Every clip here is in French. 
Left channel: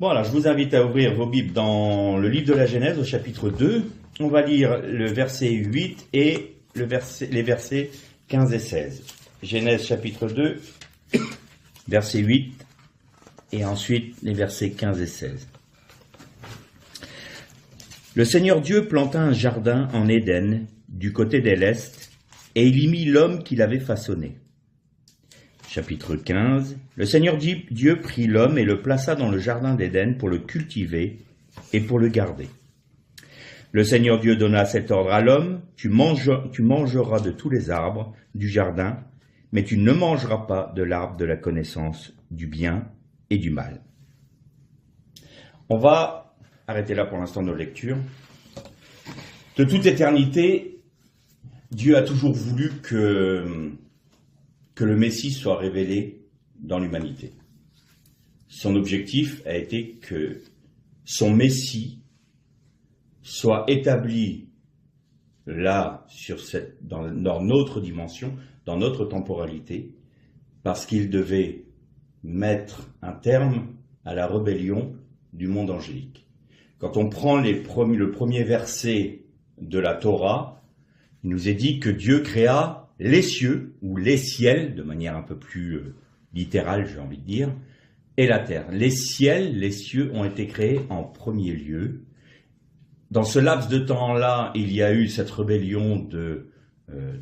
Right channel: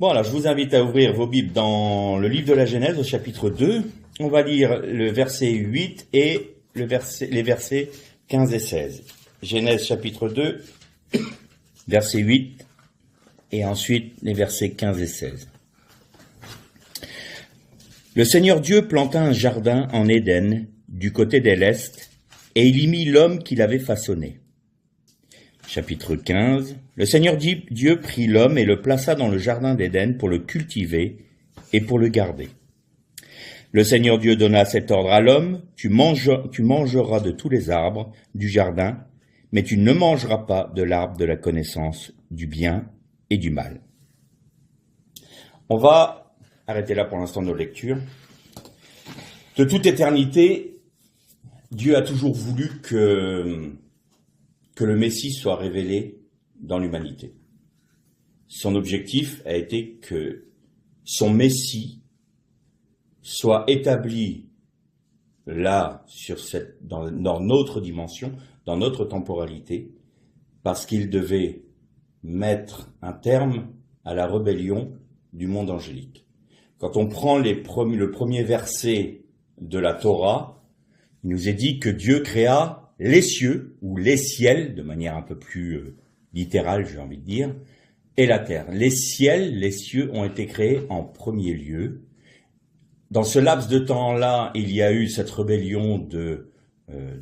Bon, alors je vous invite à ouvrir vos Bibles dans le livre de la Genèse au chapitre 2. On va lire le verset 8 et les versets 15 et 16. Genèse chapitre 2, verset 8 et ensuite les versets 15 et 16. Le Seigneur Dieu planta un jardin en Éden du côté de l'Est et il y mit l'homme qu'il avait façonné. Chapitre 15. Le Seigneur Dieu prit l'homme et le plaça dans le jardin d'Éden pour le cultiver et pour le garder. Le Seigneur Dieu donna cet ordre à l'homme, tu mangeras de tous les arbres du jardin, mais tu ne mangeras pas de l'arbre de la connaissance du bien et du mal. On va arrêter là pour l'instant nos lectures. De toute éternité, Dieu a toujours voulu que le Messie soit révélé dans l'humanité. Son objectif a été que son Messie soit établi là, dans notre dimension, dans notre temporalité, parce qu'il devait mettre un terme à la rébellion du monde angélique. Quand on prend le premier verset de la Torah, il nous est dit que Dieu créa les cieux, ou les ciels, de manière un peu plus littérale, j'ai envie de dire, et la terre. Les cieux ont été créés en premier lieu. Dans ce laps de temps-là, il y a eu cette rébellion de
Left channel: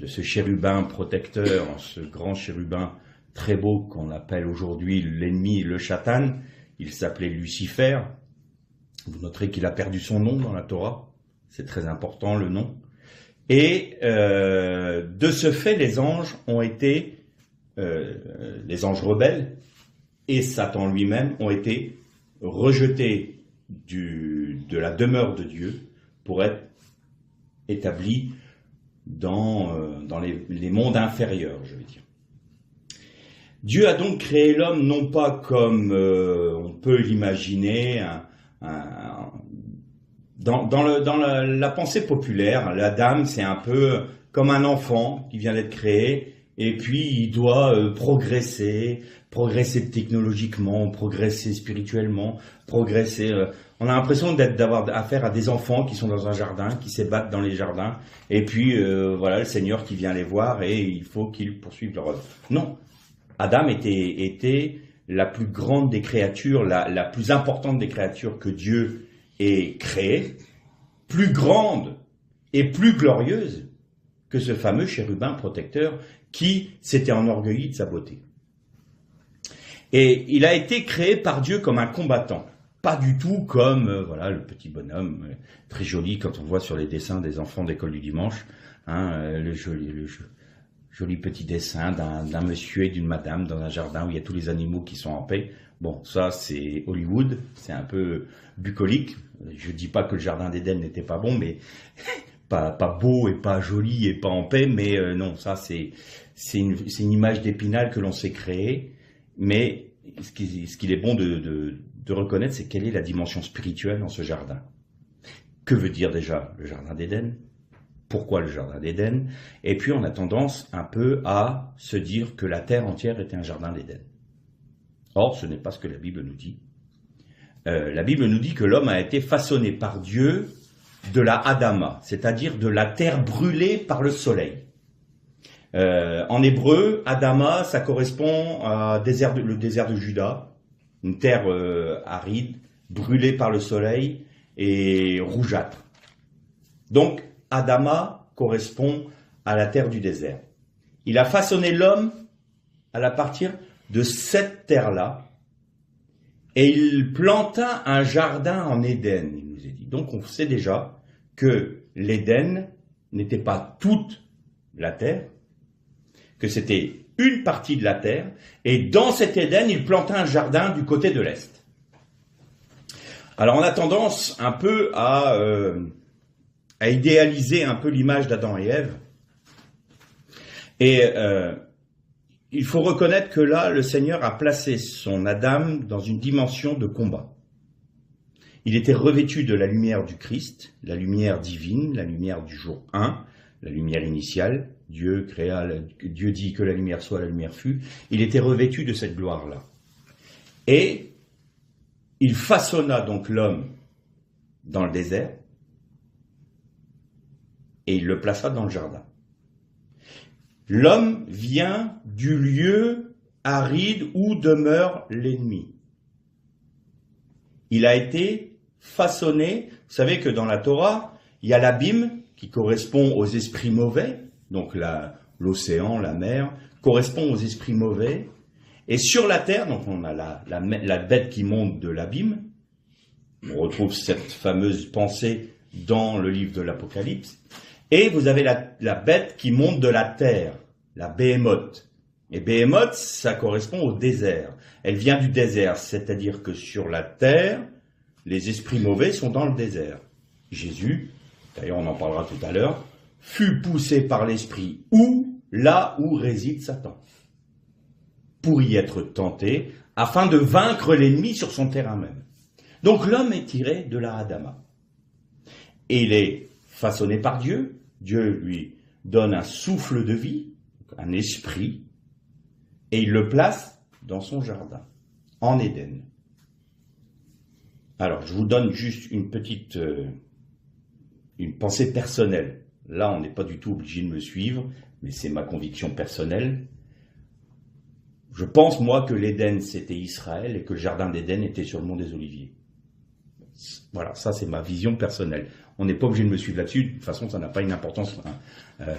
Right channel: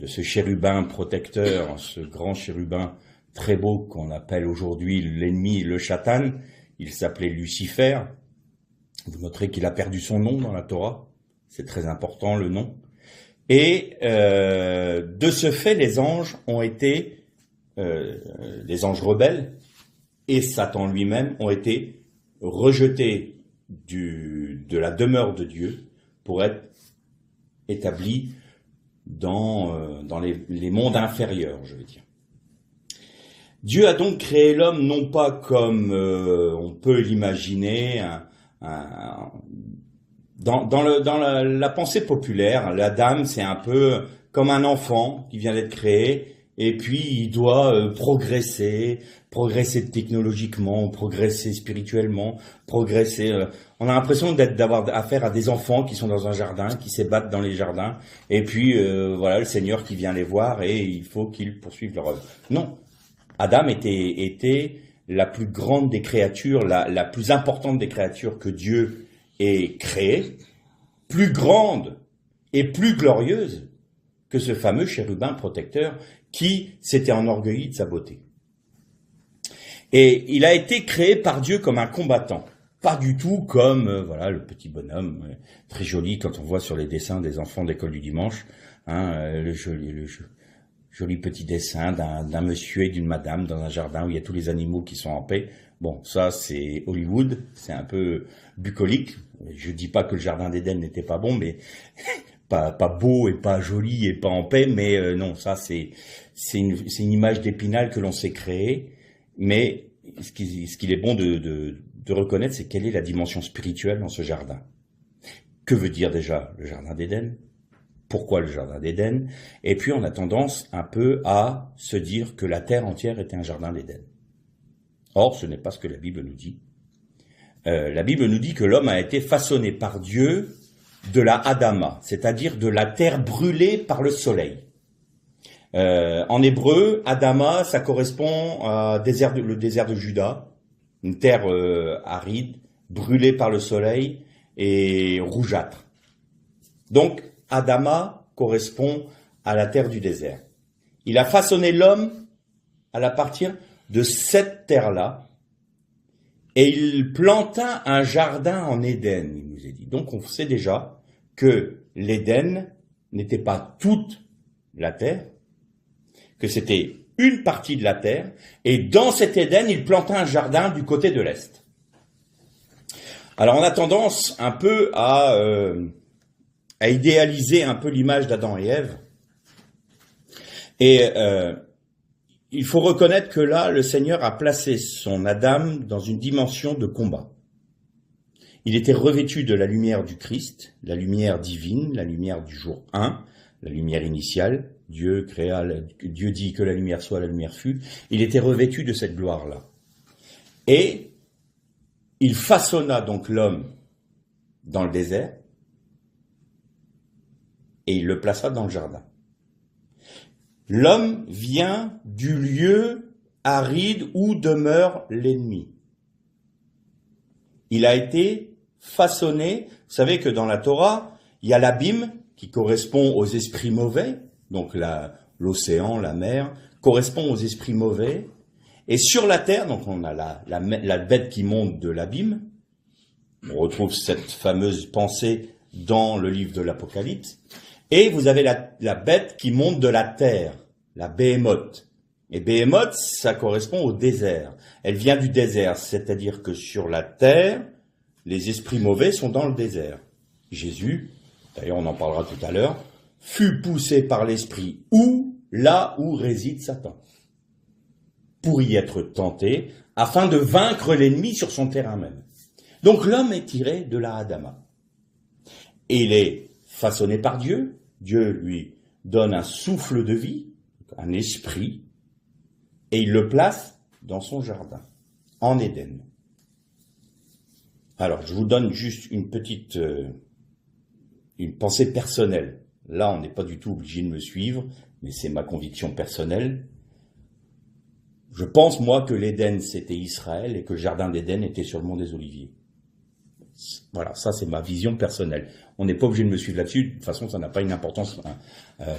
ce chérubin protecteur, ce grand chérubin très beau qu'on appelle aujourd'hui l'ennemi, le Satan. Il s'appelait Lucifer. Vous noterez qu'il a perdu son nom dans la Torah. C'est très important, le nom. Et de ce fait, les anges ont été, les anges rebelles et Satan lui-même ont été rejetés de la demeure de Dieu pour être établis dans les mondes inférieurs, je veux dire. Dieu a donc créé l'homme non pas comme on peut l'imaginer, dans la pensée populaire, la dame, c'est un peu comme un enfant qui vient d'être créé, et puis il doit progresser technologiquement, progresser spirituellement, progresser. On a l'impression d'avoir affaire à des enfants qui sont dans un jardin, qui s'ébattent dans les jardins, et puis voilà le Seigneur qui vient les voir et il faut qu'ils poursuivent leur œuvre. Non, Adam était la plus grande des créatures, la plus importante des créatures que Dieu est créée, plus grande et plus glorieuse que ce fameux chérubin protecteur qui s'était enorgueilli de sa beauté. Et il a été créé par Dieu comme un combattant, pas du tout comme le petit bonhomme très joli quand on voit sur les dessins des enfants d'école du dimanche, le joli petit dessin d'un monsieur et d'une madame dans un jardin où il y a tous les animaux qui sont en paix. Bon, ça c'est Hollywood, c'est un peu bucolique. Je dis pas que le jardin d'Éden n'était pas bon, mais pas beau et pas joli et pas en paix, mais non, ça c'est une image d'Épinal que l'on s'est créée. Mais ce qu'il est bon de reconnaître, c'est quelle est la dimension spirituelle dans ce jardin. Que veut dire déjà le jardin d'Éden ? Pourquoi le jardin d'Éden ? Et puis on a tendance un peu à se dire que la terre entière était un jardin d'Éden. Or, ce n'est pas ce que la Bible nous dit. La Bible nous dit que l'homme a été façonné par Dieu de la Adama, c'est-à-dire de la terre brûlée par le soleil. En hébreu, Adama, ça correspond à le désert de Juda, une terre aride, brûlée par le soleil et rougeâtre. Donc, Adama correspond à la terre du désert. Il a façonné l'homme à partir de cette terre-là, et il planta un jardin en Éden, il nous est dit. Donc on sait déjà que l'Éden n'était pas toute la terre, que c'était une partie de la terre, et dans cet Éden, il planta un jardin du côté de l'Est. Alors on a tendance un peu à idéaliser un peu l'image d'Adam et Ève, et il faut reconnaître que là, le Seigneur a placé son Adam dans une dimension de combat. Il était revêtu de la lumière du Christ, la lumière divine, la lumière du jour 1, la lumière initiale. Dieu dit que la lumière soit, la lumière fut. Il était revêtu de cette gloire-là. Et il façonna donc l'homme dans le désert et il le plaça dans le jardin. L'homme vient du lieu aride où demeure l'ennemi. Il a été façonné. Vous savez que dans la Torah, il y a l'abîme qui correspond aux esprits mauvais, donc l'océan, la mer, correspond aux esprits mauvais. Et sur la terre, donc on a la bête qui monte de l'abîme. On retrouve cette fameuse pensée dans le livre de l'Apocalypse. Et vous avez la bête qui monte de la terre, la Béhémoth. Et Béhémoth, ça correspond au désert. Elle vient du désert, c'est-à-dire que sur la terre, les esprits mauvais sont dans le désert. Jésus, d'ailleurs on en parlera tout à l'heure, fut poussé par l'esprit là où réside Satan, pour y être tenté, afin de vaincre l'ennemi sur son terrain même. Donc l'homme est tiré de la Adama. Et il est façonné par Dieu. Dieu lui donne un souffle de vie, un esprit, et il le place dans son jardin, en Éden. Alors, je vous donne juste une petite une pensée personnelle. Là, on n'est pas du tout obligé de me suivre, mais c'est ma conviction personnelle. Je pense, moi, que l'Éden, c'était Israël et que le jardin d'Éden était sur le mont des Oliviers. Voilà, ça, c'est ma vision personnelle. On n'est pas obligé de me suivre là-dessus. De toute façon, ça n'a pas une importance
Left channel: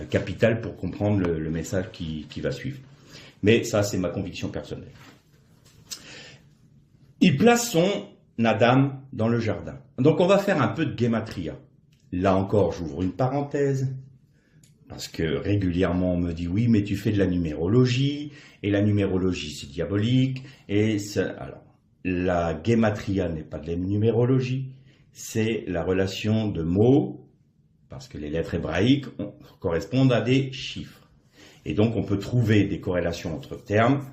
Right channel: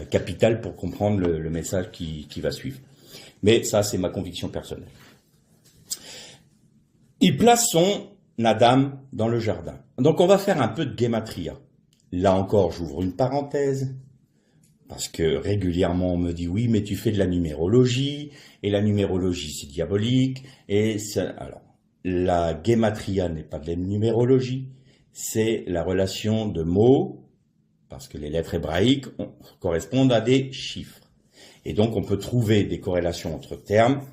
capitale pour comprendre le message qui va suivre. Mais ça, c'est ma conviction personnelle. Il place son Adam dans le jardin. Donc, on va faire un peu de guématria. Là encore, j'ouvre une parenthèse, parce que régulièrement, on me dit, oui, mais tu fais de la numérologie, et la numérologie, c'est diabolique, alors, la guématria n'est pas de la numérologie, c'est la relation de mots, parce que les lettres hébraïques correspondent à des chiffres. Et donc, on peut trouver des corrélations entre termes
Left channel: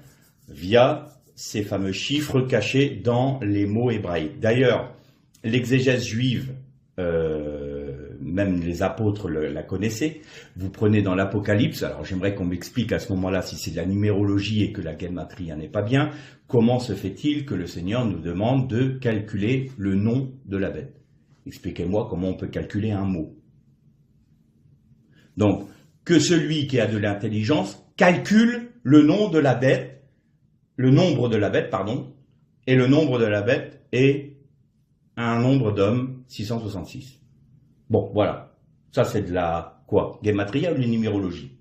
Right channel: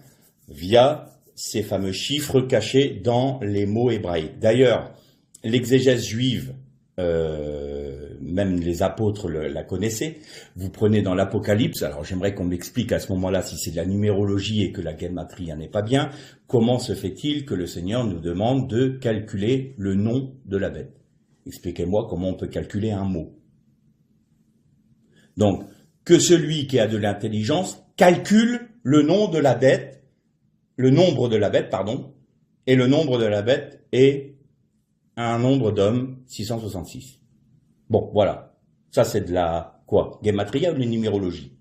via ces fameux chiffres cachés dans les mots hébraïques. D'ailleurs, l'exégèse juive, même les apôtres la connaissaient. Vous prenez dans l'Apocalypse, alors j'aimerais qu'on m'explique à ce moment-là, si c'est de la numérologie et que la guématria n'est pas bien, comment se fait-il que le Seigneur nous demande de calculer le nom de la bête? Expliquez-moi comment on peut calculer un mot. Donc, que celui qui a de l'intelligence calcule le nom de la bête, le nombre de la bête, pardon, et le nombre de la bête est un nombre d'hommes, 666. Bon, voilà. Ça, c'est de la, quoi, guématria ou de la numérologie?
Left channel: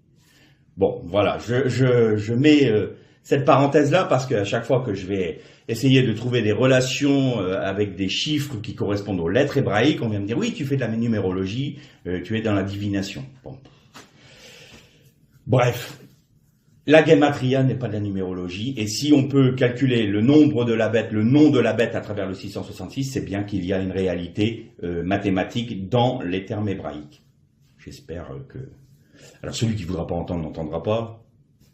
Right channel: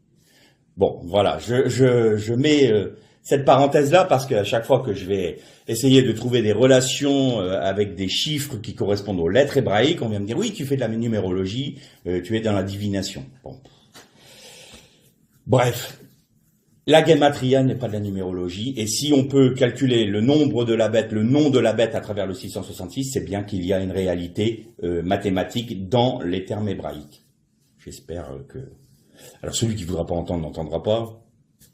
Bon, voilà. Je mets cette parenthèse-là parce qu'à chaque fois que je vais essayer de trouver des relations avec des chiffres qui correspondent aux lettres hébraïques, on vient me dire, oui, tu fais de la numérologie, tu es dans la divination. Bon. Bref. La guématria n'est pas de la numérologie, et si on peut calculer le nombre de la bête, le nom de la bête à travers le 666, c'est bien qu'il y a une réalité mathématique dans les termes hébraïques. J'espère que... Alors celui qui voudra pas entendre n'entendra pas,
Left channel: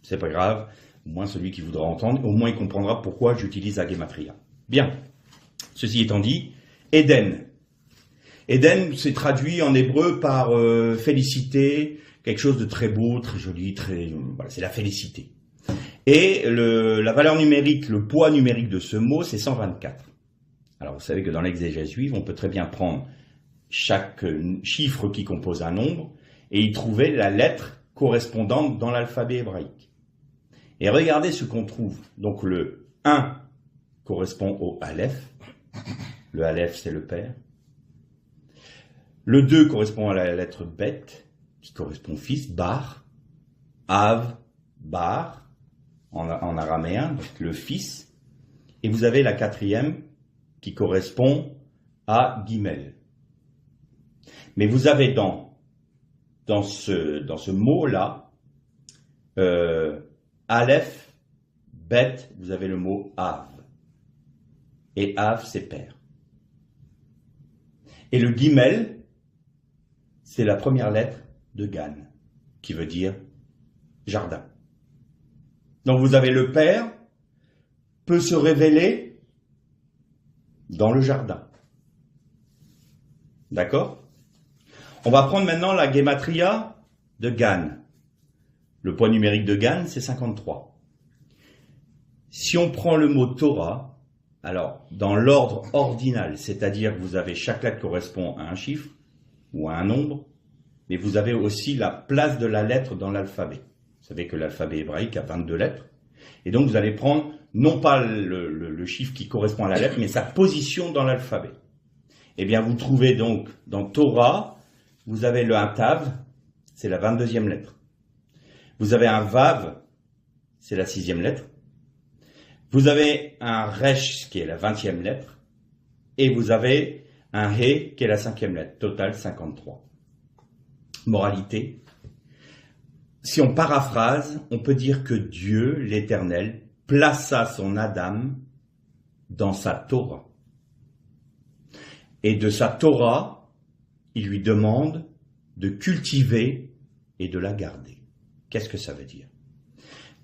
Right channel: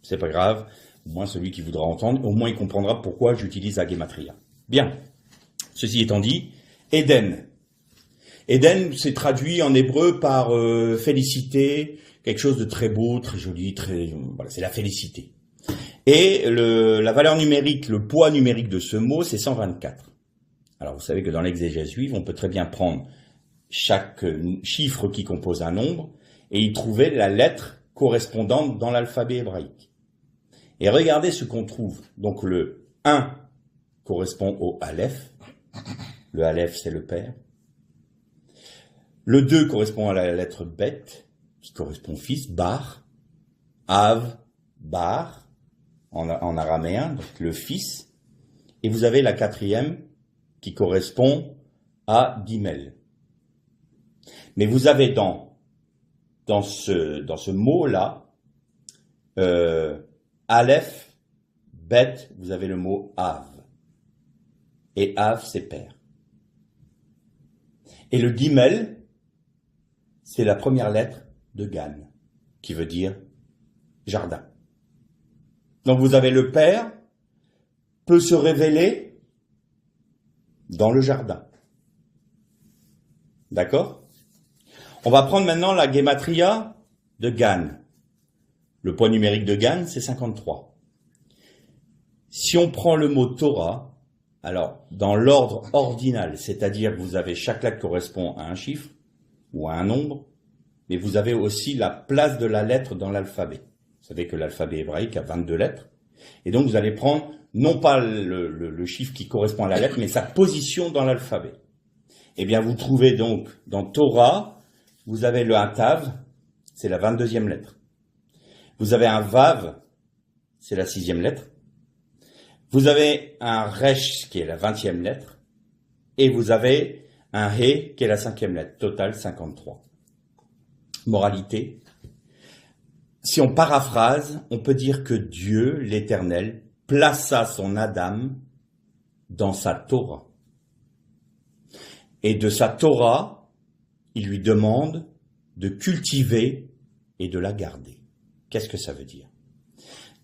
c'est pas grave. Au moins celui qui voudra entendre, au moins il comprendra pourquoi j'utilise la guématria. Bien. Ceci étant dit, Éden. Éden, c'est traduit en hébreu par félicité, quelque chose de très beau, très joli, voilà, c'est la félicité. Et la valeur numérique, le poids numérique de ce mot, c'est 124. Alors vous savez que dans l'exégèse juive, on peut très bien prendre chaque chiffre qui compose un nombre et y trouver la lettre correspondante dans l'alphabet hébraïque. Et regardez ce qu'on trouve. Donc le 1 correspond au Aleph. Le Aleph, c'est le Père. Le 2 correspond à la lettre Bet, qui correspond fils, Bar, Av, Bar, en araméen, donc le fils, et vous avez la 4e qui correspond à Gimel. Mais vous avez dans ce mot-là, Aleph, Bet, vous avez le mot Av. Et Av, c'est père. Et le Gimel, c'est la première lettre de Gan, qui veut dire jardin. Donc vous avez le Père peut se révéler dans le jardin. D'accord? On va prendre maintenant la guématria de Gan. Le poids numérique de Gan, c'est 53. Si on prend le mot Torah, Alors, dans l'ordre ordinal, c'est-à-dire que vous avez chaque lettre correspond à un chiffre ou à un nombre, mais vous avez aussi la place de la lettre dans l'alphabet. Vous savez que l'alphabet hébraïque a 22 lettres. Et donc, vous allez prendre non pas le chiffre qui correspond à la lettre, mais sa position dans l'alphabet. Eh bien, vous trouvez donc dans Torah, vous avez le Tav, c'est la 22e lettre. Vous avez un Vav, c'est la 6e lettre. Vous avez un Resh, qui est la 20e lettre. Et vous avez un He, qui est la 5e lettre. Total, 53. Moralité. Si on paraphrase, on peut dire que Dieu, l'Éternel, plaça son Adam dans sa Torah. Et de sa Torah, il lui demande de cultiver et de la garder. Qu'est-ce que ça veut dire?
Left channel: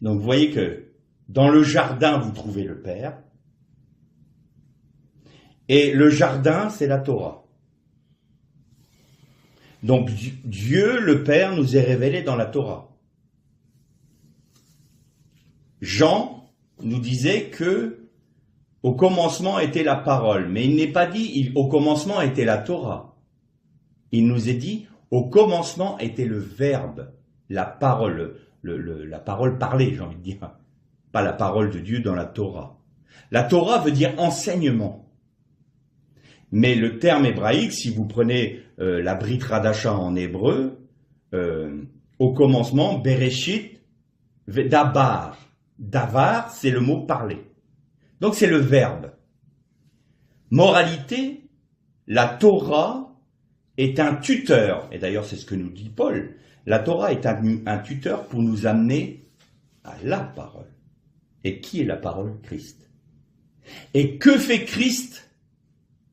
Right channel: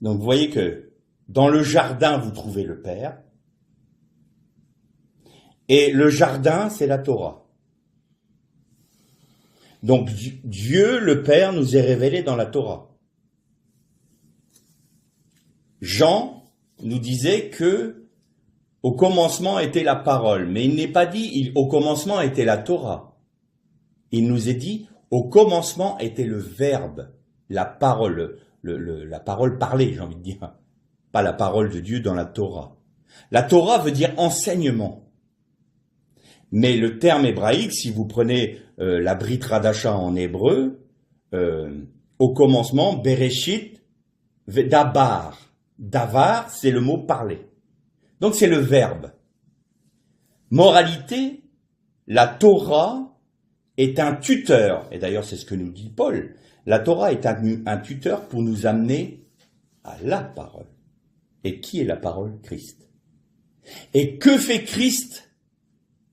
Donc vous voyez que dans le jardin, vous trouvez le Père. Et le jardin, c'est la Torah. Donc Dieu, le Père, nous est révélé dans la Torah. Jean nous disait que au commencement était la parole, mais il n'est pas dit au commencement était la Torah. Il nous est dit au commencement était le verbe, la parole, la parole parlée, j'ai envie de dire, pas la parole de Dieu dans la Torah. La Torah veut dire enseignement. Mais le terme hébraïque, si vous prenez la Brit Hadasha en hébreu, au commencement, Bereshit, Dabar. Davar, c'est le mot parler. Donc c'est le verbe. Moralité, la Torah est un tuteur, et d'ailleurs c'est ce que nous dit Paul, la Torah est un tuteur pour nous amener à la parole. Et qui est la parole? Christ. Et que fait Christ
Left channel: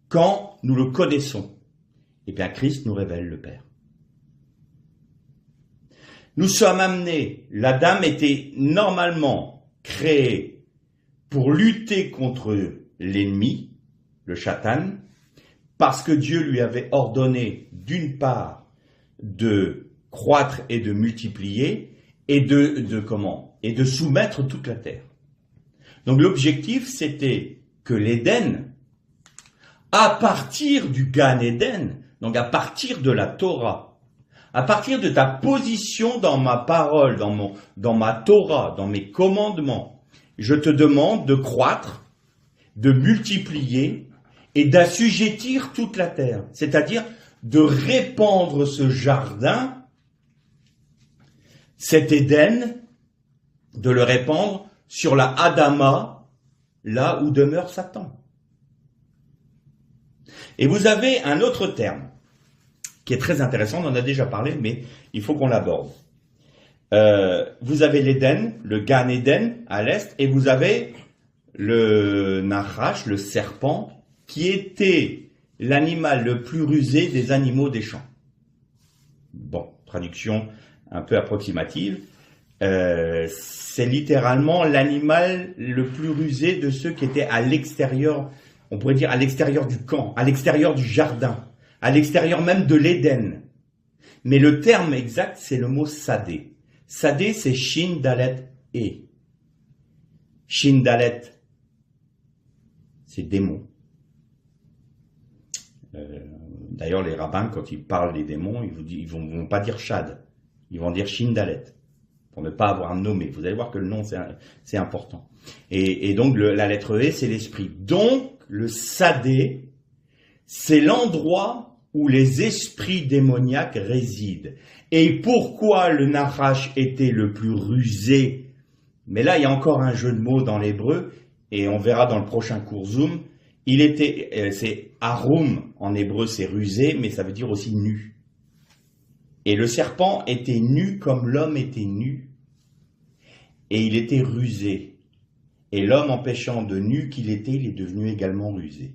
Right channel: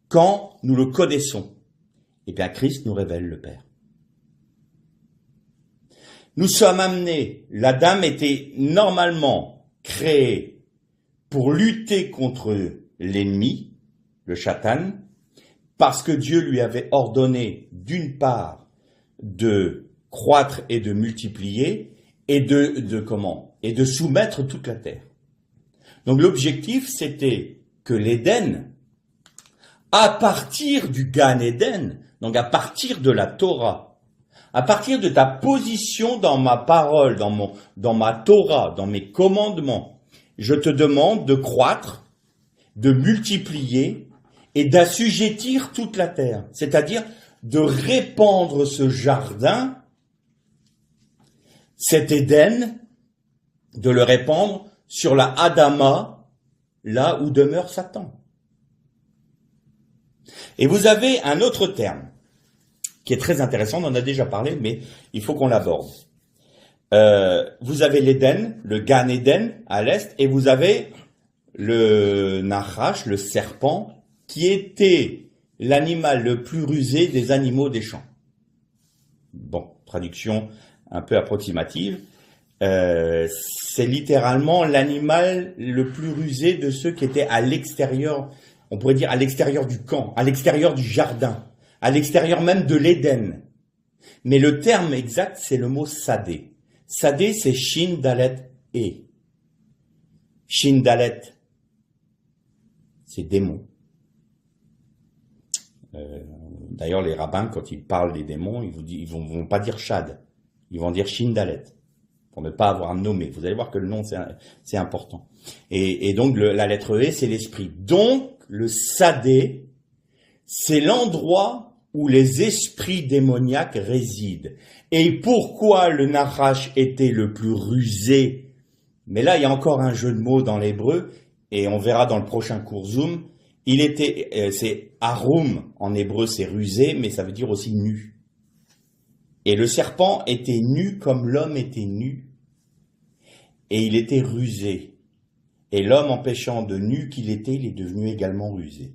quand nous le connaissons? Eh bien Christ nous révèle le Père. Nous sommes amenés, l'Adam était normalement créé pour lutter contre l'ennemi, le Satan, parce que Dieu lui avait ordonné d'une part de croître et de multiplier et de soumettre toute la terre. Donc l'objectif c'était que l'Éden, à partir du Gan Eden, donc à partir de la Torah, à partir de ta position dans ma parole, dans ma Torah, dans mes commandements, je te demande de croître, de multiplier et d'assujettir toute la terre. C'est-à-dire de répandre ce jardin, cet Éden, de le répandre sur la Adama, là où demeure Satan. Et vous avez un autre terme qui est très intéressant, on en a déjà parlé, mais il faut qu'on l'aborde. Vous avez l'Éden, le Gan Eden à l'est, et vous avez le Nachash, le serpent, qui était l'animal le plus rusé des animaux des champs. Bon, traduction un peu approximative. C'est littéralement l'animal le plus rusé de ceux qui étaient à l'extérieur, on pourrait dire à l'extérieur du camp, à l'extérieur du jardin, à l'extérieur même de l'Éden. Mais le terme exact, c'est le mot sadé. Sadé, c'est Shin Dalet E. Shin Dalet, c'est démon. D'ailleurs, les rabbins, quand ils parlent des démons, ils vont pas dire Shad, ils vont dire Shin Dalet, pour ne pas avoir nommé. Vous allez voir que le nom, c'est important. Et donc, la lettre E, c'est l'esprit. Donc, le sadé, c'est l'endroit où les esprits démoniaques résident. Et pourquoi le Nachash était le plus rusé? Mais là, il y a encore un jeu de mots dans l'hébreu, et on verra dans le prochain cours Zoom. C'est Arum, en hébreu c'est rusé, mais ça veut dire aussi nu. Et le serpent était nu comme l'homme était nu, et il était rusé. Et l'homme, en péchant de nu qu'il était, il est devenu également rusé.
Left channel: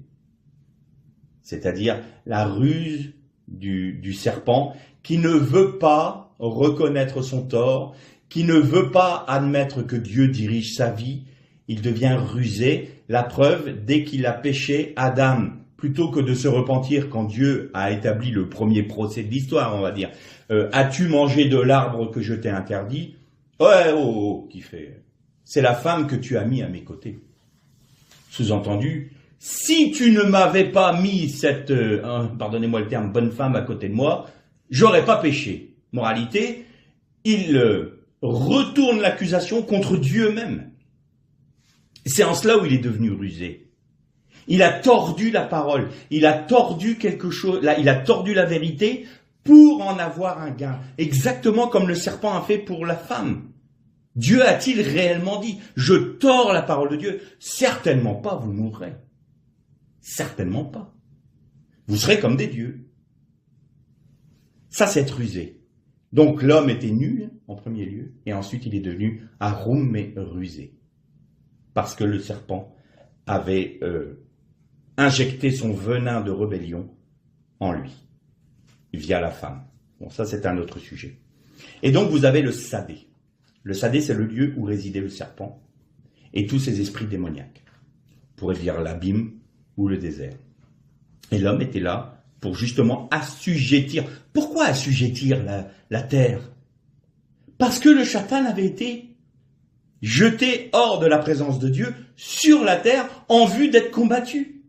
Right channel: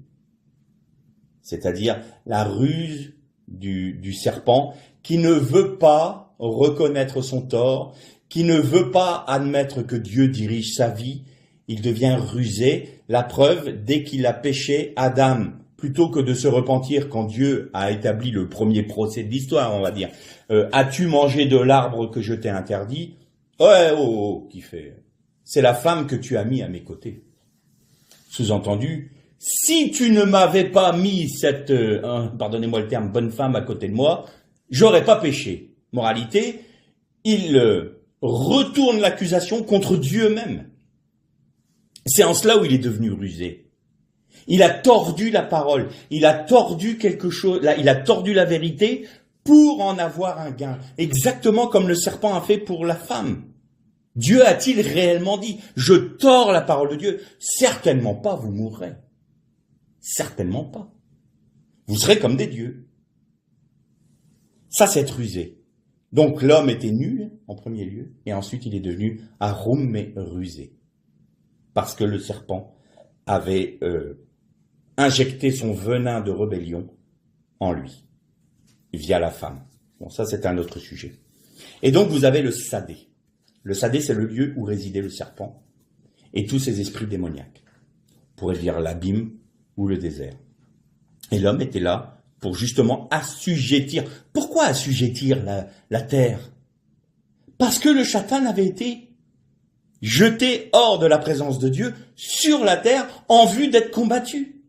C'est-à-dire la ruse du serpent qui ne veut pas reconnaître son tort, qui ne veut pas admettre que Dieu dirige sa vie, il devient rusé. La preuve, dès qu'il a péché, Adam, plutôt que de se repentir quand Dieu a établi le premier procès de l'histoire, on va dire, as-tu mangé de l'arbre que je t'ai interdit? Ouais, qui fait, c'est la femme que tu as mis à mes côtés. Sous-entendu, si tu ne m'avais pas mis cette, pardonnez-moi le terme, bonne femme à côté de moi, j'aurais pas péché. Moralité, il retourne l'accusation contre Dieu même. C'est en cela où il est devenu rusé. Il a tordu la parole, il a tordu quelque chose, il a tordu la vérité pour en avoir un gain. Exactement comme le serpent a fait pour la femme. Dieu a-t-il réellement dit, je tords la parole de Dieu? Certainement pas, vous mourrez. Certainement pas. Vous serez comme des dieux. Ça, c'est être rusé. Donc l'homme était nul en premier lieu, et ensuite il est devenu arum mais rusé. Parce que le serpent avait injecté son venin de rébellion en lui, via la femme. Bon, ça c'est un autre sujet. Et donc vous avez le Sadé. Le Sadé, c'est le lieu où résidait le serpent et tous ses esprits démoniaques. On pourrait dire l'abîme ou le désert. Et l'homme était là pour justement assujettir. Pourquoi assujettir la terre? Parce que le Satan avait été jeté hors de la présence de Dieu sur la terre en vue d'être combattu.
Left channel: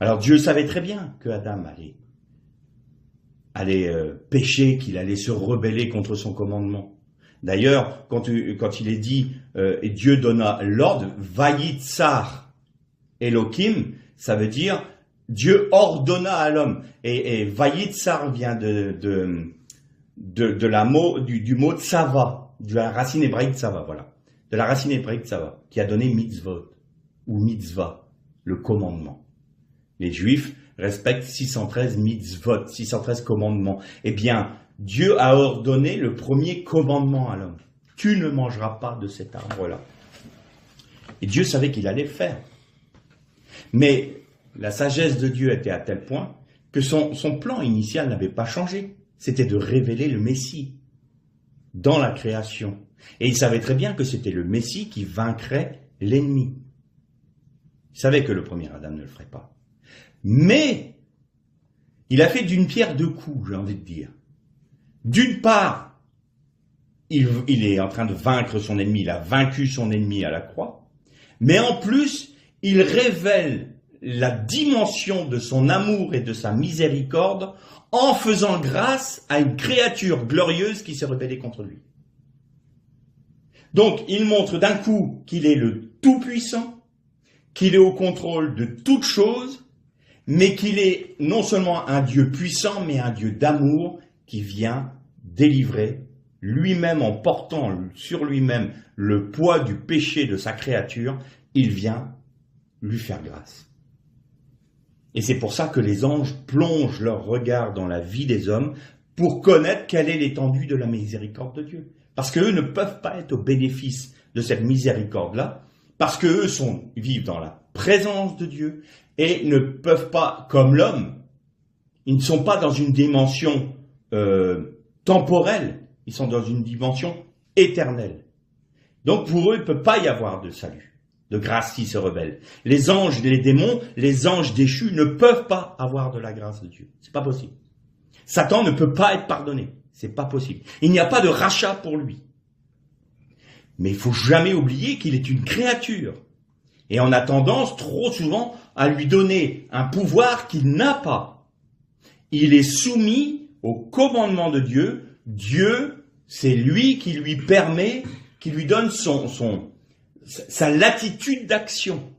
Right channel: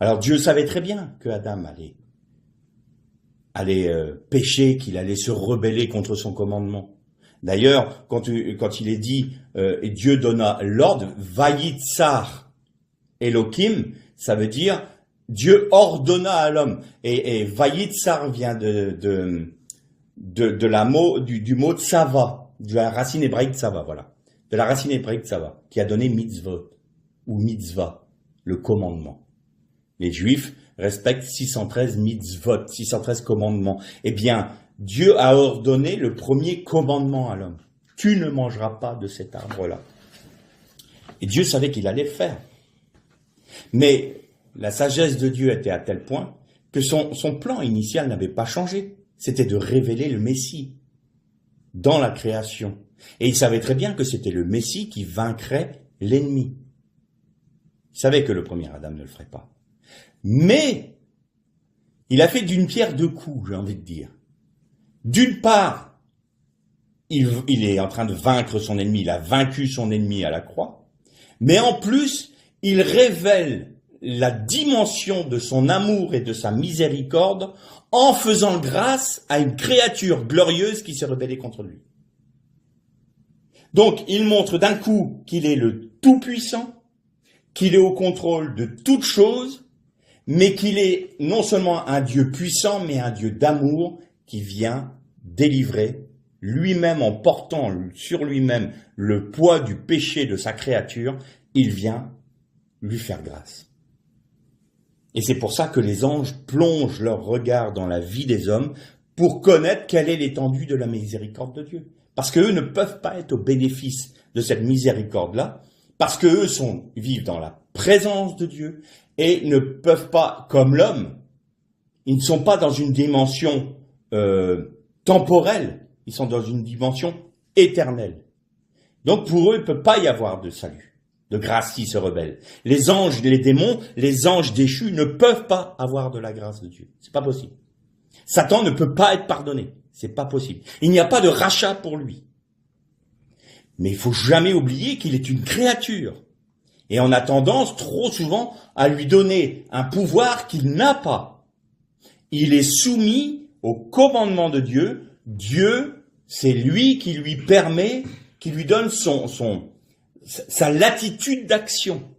Alors Dieu savait très bien que Adam allait pécher, qu'il allait se rebeller contre son commandement. D'ailleurs, quand il est dit, et Dieu donna l'ordre, Vayitzar Elohim, ça veut dire Dieu ordonna à l'homme. Et Vayitzar vient du mot tsava, de la racine hébraïque tsava, voilà. De la racine hébraïque tsava, qui a donné mitzvot, ou mitzvah, le commandement. Les Juifs respectent 613 mitzvot, 613 commandements. Eh bien, Dieu a ordonné le premier commandement à l'homme. Tu ne mangeras pas de cet arbre-là. Et Dieu savait qu'il allait le faire. Mais la sagesse de Dieu était à tel point que son plan initial n'avait pas changé. C'était de révéler le Messie dans la création. Et il savait très bien que c'était le Messie qui vaincrait l'ennemi. Il savait que le premier Adam ne le ferait pas. Mais il a fait d'une pierre deux coups, j'ai envie de dire. D'une part, il est en train de vaincre son ennemi, il a vaincu son ennemi à la croix, mais en plus, il révèle la dimension de son amour et de sa miséricorde en faisant grâce à une créature glorieuse qui s'est rebellée contre lui. Donc, il montre d'un coup qu'il est le Tout-Puissant, qu'il est au contrôle de toutes choses, mais qu'il est non seulement un Dieu puissant, mais un Dieu d'amour qui vient délivrer lui-même en portant sur lui-même le poids du péché de sa créature, il vient lui faire grâce. Et c'est pour ça que les anges plongent leur regard dans la vie des hommes pour connaître quelle est l'étendue de la miséricorde de Dieu. Parce qu'eux ne peuvent pas être au bénéfice de cette miséricorde-là, parce qu'eux vivent dans la présence de Dieu et ne peuvent pas, comme l'homme, ils ne sont pas dans une dimension temporelle, ils sont dans une dimension éternelle. Donc pour eux, il ne peut pas y avoir de salut, de grâce s'ils se rebellent. Les anges, les démons, les anges déchus ne peuvent pas avoir de la grâce de Dieu. C'est pas possible. Satan ne peut pas être pardonné. C'est pas possible. Il n'y a pas de rachat pour lui. Mais il faut jamais oublier qu'il est une créature. Et on a tendance trop souvent à lui donner un pouvoir qu'il n'a pas. Il est soumis au commandement de Dieu. Dieu, c'est lui qui lui permet, qui lui donne sa latitude d'action.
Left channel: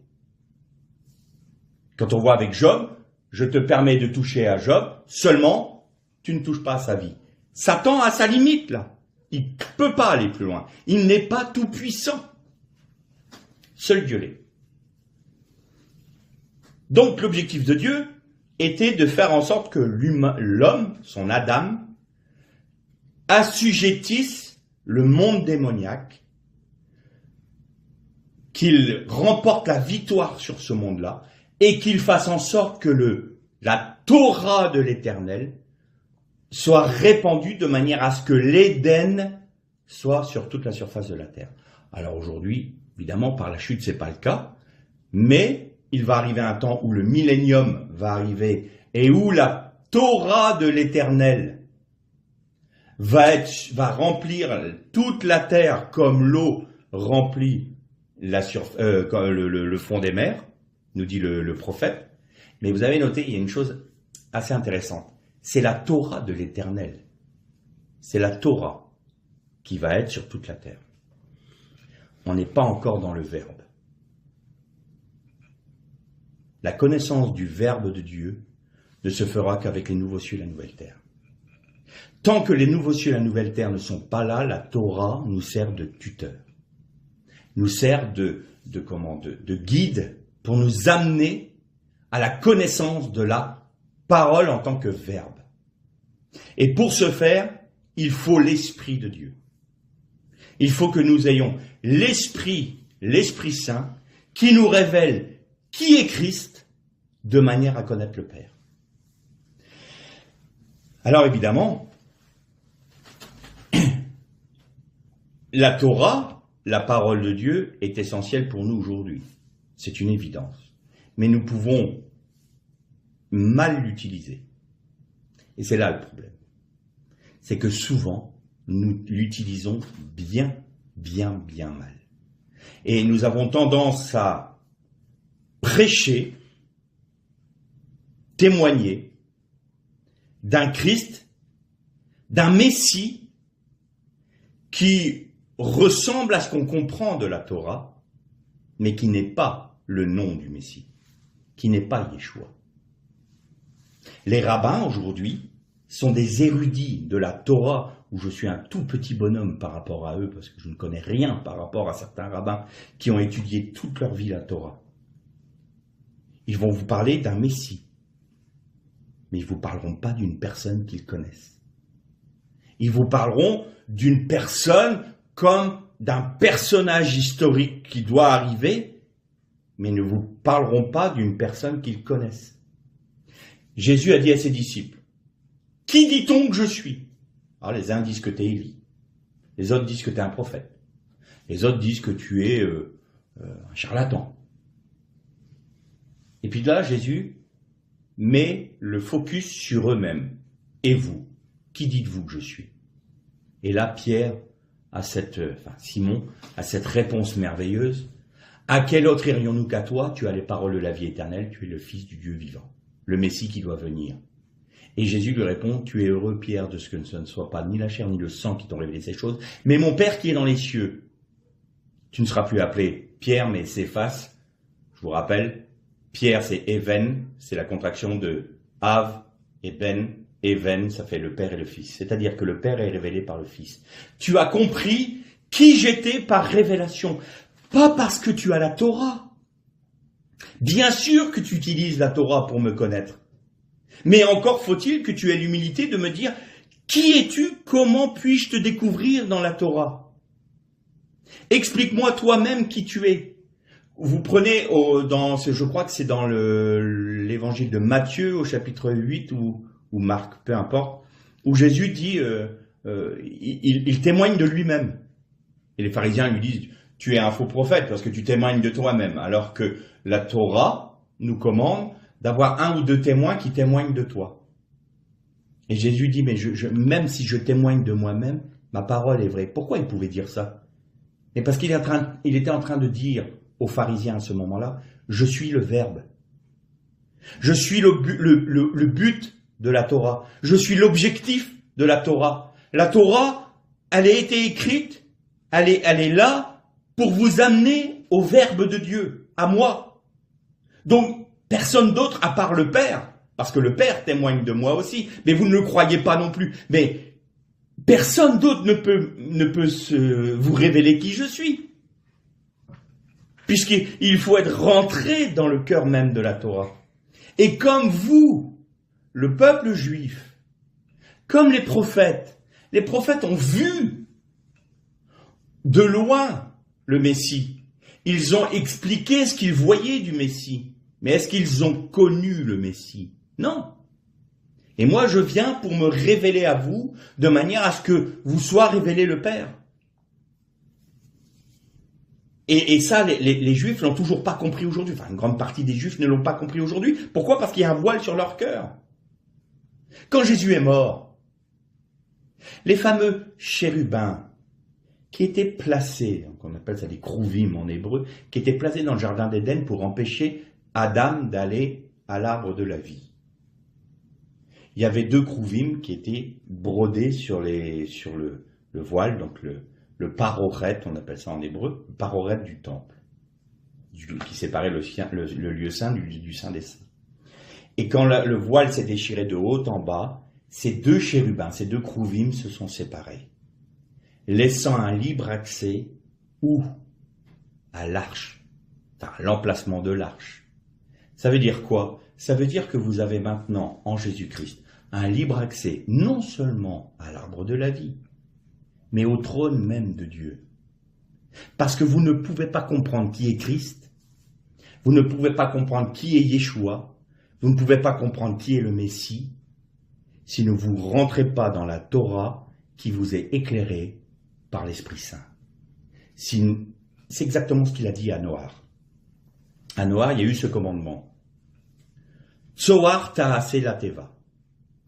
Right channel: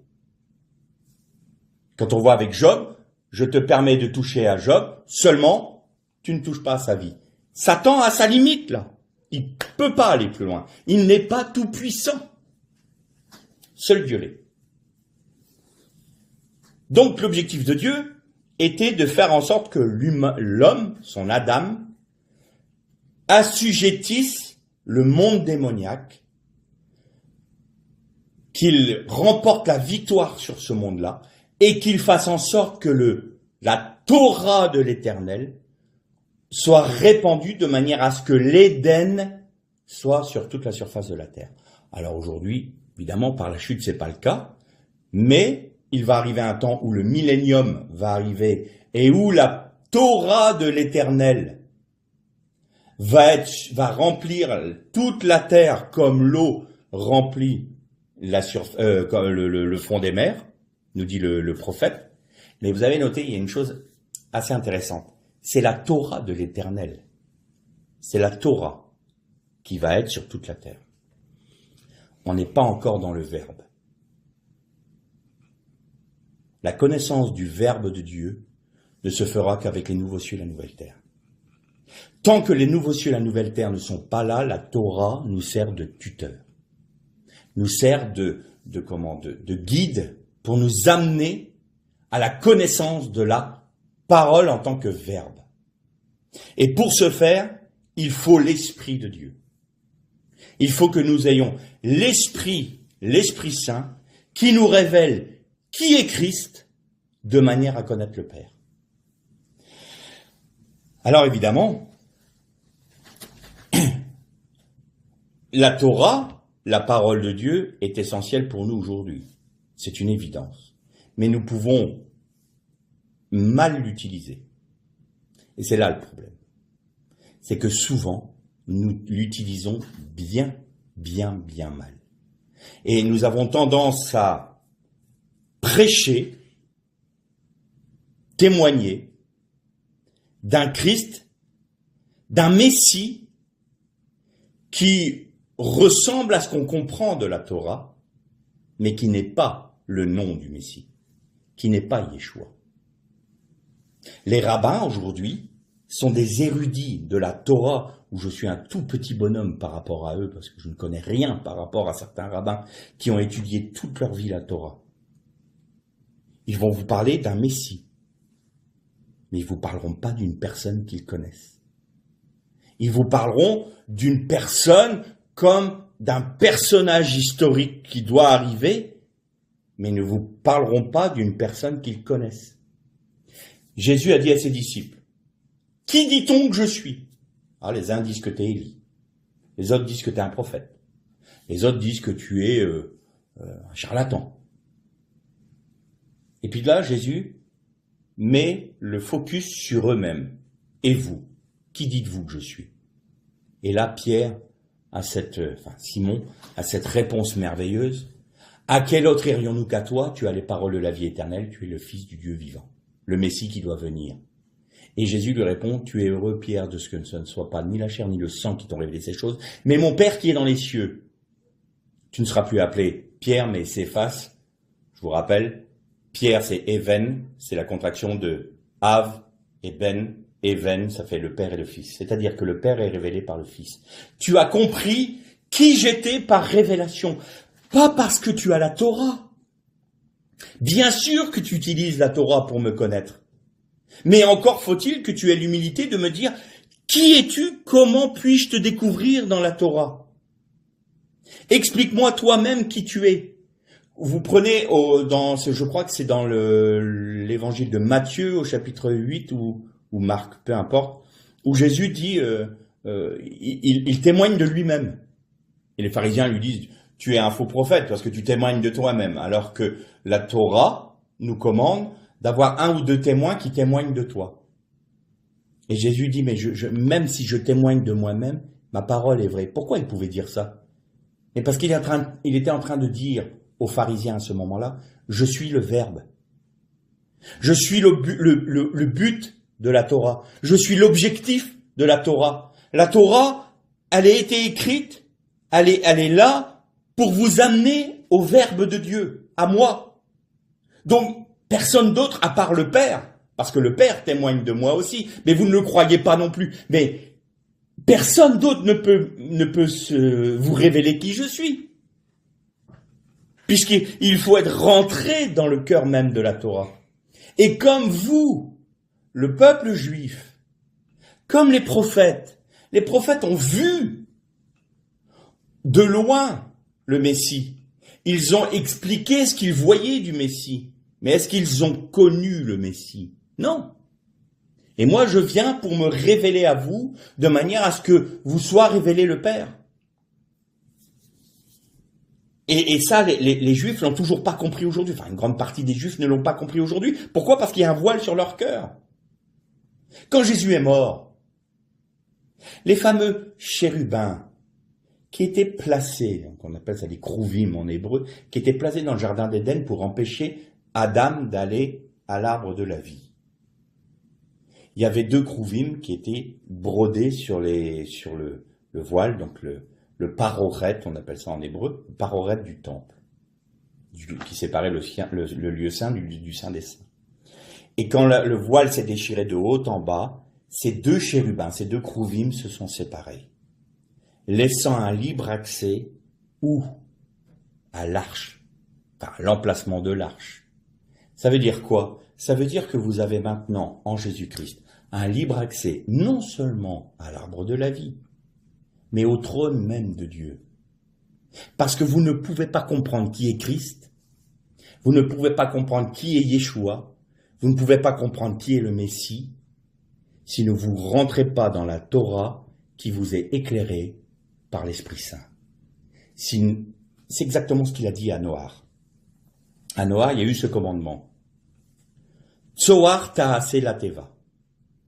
Quand on voit avec Job, je te permets de toucher à Job, seulement tu ne touches pas à sa vie. Satan a sa limite là. Il ne peut pas aller plus loin. Il n'est pas tout puissant. Seul Dieu l'est. Donc l'objectif de Dieu était de faire en sorte que l'homme, son Adam, assujettisse le monde démoniaque, qu'il remporte la victoire sur ce monde-là et qu'il fasse en sorte que la Torah de l'Éternel soit répandue de manière à ce que l'Éden soit sur toute la surface de la terre. Alors aujourd'hui, évidemment, par la chute, c'est pas le cas, mais il va arriver un temps où le millénium va arriver et où la Torah de l'Éternel va remplir toute la terre comme l'eau remplit le fond des mers, nous dit le prophète. Mais vous avez noté, il y a une chose assez intéressante. C'est la Torah de l'Éternel. C'est la Torah qui va être sur toute la terre. On n'est pas encore dans le Verbe. La connaissance du Verbe de Dieu ne se fera qu'avec les nouveaux cieux et la nouvelle terre. Tant que les nouveaux cieux et la nouvelle terre ne sont pas là, la Torah nous sert de tuteur, nous sert de guide pour nous amener à la connaissance de la parole en tant que verbe. Et pour ce faire, il faut l'Esprit de Dieu. Il faut que nous ayons l'Esprit Saint, qui nous révèle qui est Christ, de manière à connaître le Père. Alors évidemment, la Torah, la parole de Dieu, est essentielle pour nous aujourd'hui. C'est une évidence. Mais nous pouvons mal l'utiliser. Et c'est là le problème. C'est que souvent, nous l'utilisons bien mal. Et nous avons tendance à prêcher, témoigner d'un Christ, d'un Messie qui ressemble à ce qu'on comprend de la Torah, mais qui n'est pas le nom du Messie, qui n'est pas Yeshua. Les rabbins aujourd'hui sont des érudits de la Torah, où je suis un tout petit bonhomme par rapport à eux, parce que je ne connais rien par rapport à certains rabbins qui ont étudié toute leur vie la Torah. Ils vont vous parler d'un Messie, mais ils ne vous parleront pas d'une personne qu'ils connaissent. Ils vous parleront d'une personne comme d'un personnage historique qui doit arriver, mais ne vous parleront pas d'une personne qu'ils connaissent. Jésus a dit à ses disciples, « Qui dit-on que je suis ?» Alors les uns disent que tu es Élie, les autres disent que tu es un prophète, les autres disent que tu es un charlatan. Et puis là, Jésus met le focus sur eux-mêmes. « Et vous, qui dites-vous que je suis ?» Et là, Simon a cette réponse merveilleuse. « À quel autre irions-nous qu'à toi? Tu as les paroles de la vie éternelle, tu es le Fils du Dieu vivant, le Messie qui doit venir. » Et Jésus lui répond, « Tu es heureux, Pierre, de ce que ce ne soit pas ni la chair ni le sang qui t'ont révélé ces choses, mais mon Père qui est dans les cieux. Tu ne seras plus appelé Pierre, mais Céphas. » Je vous rappelle, Pierre, c'est Even, c'est la contraction de Av et Ben. Even, ça fait le Père et le Fils. C'est-à-dire que le Père est révélé par le Fils. Tu as compris qui j'étais par révélation. Pas parce que tu as la Torah. Bien sûr que tu utilises la Torah pour me connaître. Mais encore faut-il que tu aies l'humilité de me dire « Qui es-tu? Comment puis-je te découvrir dans la Torah ?» Explique-moi toi-même qui tu es. Vous prenez, je crois que c'est dans l'évangile de Matthieu au chapitre 8 ou Marc, peu importe, où Jésus dit, il témoigne de lui-même. Et les pharisiens lui disent, tu es un faux prophète parce que tu témoignes de toi-même, alors que la Torah nous commande d'avoir un ou deux témoins qui témoignent de toi. Et Jésus dit, mais même si je témoigne de moi-même, ma parole est vraie. Pourquoi il pouvait dire ça? Et parce qu'il était en train de dire aux pharisiens à ce moment-là, je suis le Verbe. Je suis le but de la Torah. Je suis l'objectif de la Torah. La Torah, elle a été écrite, elle est là pour vous amener au Verbe de Dieu, à moi. Donc, personne d'autre à part le Père, parce que le Père témoigne de moi aussi, mais vous ne le croyez pas non plus. Mais personne d'autre ne peut vous révéler qui je suis. Puisqu'il faut être rentré dans le cœur même de la Torah. Et comme vous, le peuple juif, comme les prophètes ont vu de loin le Messie. Ils ont expliqué ce qu'ils voyaient du Messie. Mais est-ce qu'ils ont connu le Messie? Non. Et moi, je viens pour me révéler à vous de manière à ce que vous soit révélé le Père. Et ça, les Juifs l'ont toujours pas compris aujourd'hui. Enfin, une grande partie des Juifs ne l'ont pas compris aujourd'hui. Pourquoi? Parce qu'il y a un voile sur leur cœur. Quand Jésus est mort, les fameux chérubins qui étaient placés, donc on appelle ça des krouvim en hébreu, qui étaient placés dans le jardin d'Éden pour empêcher Adam d'aller à l'arbre de la vie. Il y avait 2 krouvim qui étaient brodés sur le voile, donc le paroret, on appelle ça en hébreu, le paroret du temple, qui séparait le lieu saint du saint des saints. Et quand le voile s'est déchiré de haut en bas, ces 2 chérubins, ces 2 krouvim se sont séparés, laissant un libre accès où? À l'arche, enfin l'emplacement de l'arche. Ça veut dire quoi? Ça veut dire que vous avez maintenant, en Jésus-Christ, un libre accès non seulement à l'arbre de la vie, mais au trône même de Dieu. Parce que vous ne pouvez pas comprendre qui est Christ, vous ne pouvez pas comprendre qui est Yeshua, vous ne pouvez pas comprendre qui est le Messie, si vous ne rentrez pas dans la Torah qui vous est éclairée par l'Esprit Saint. C'est exactement ce qu'il a dit à Noach. À Noach, il y a eu ce commandement. Tzoar ta'ase la teva.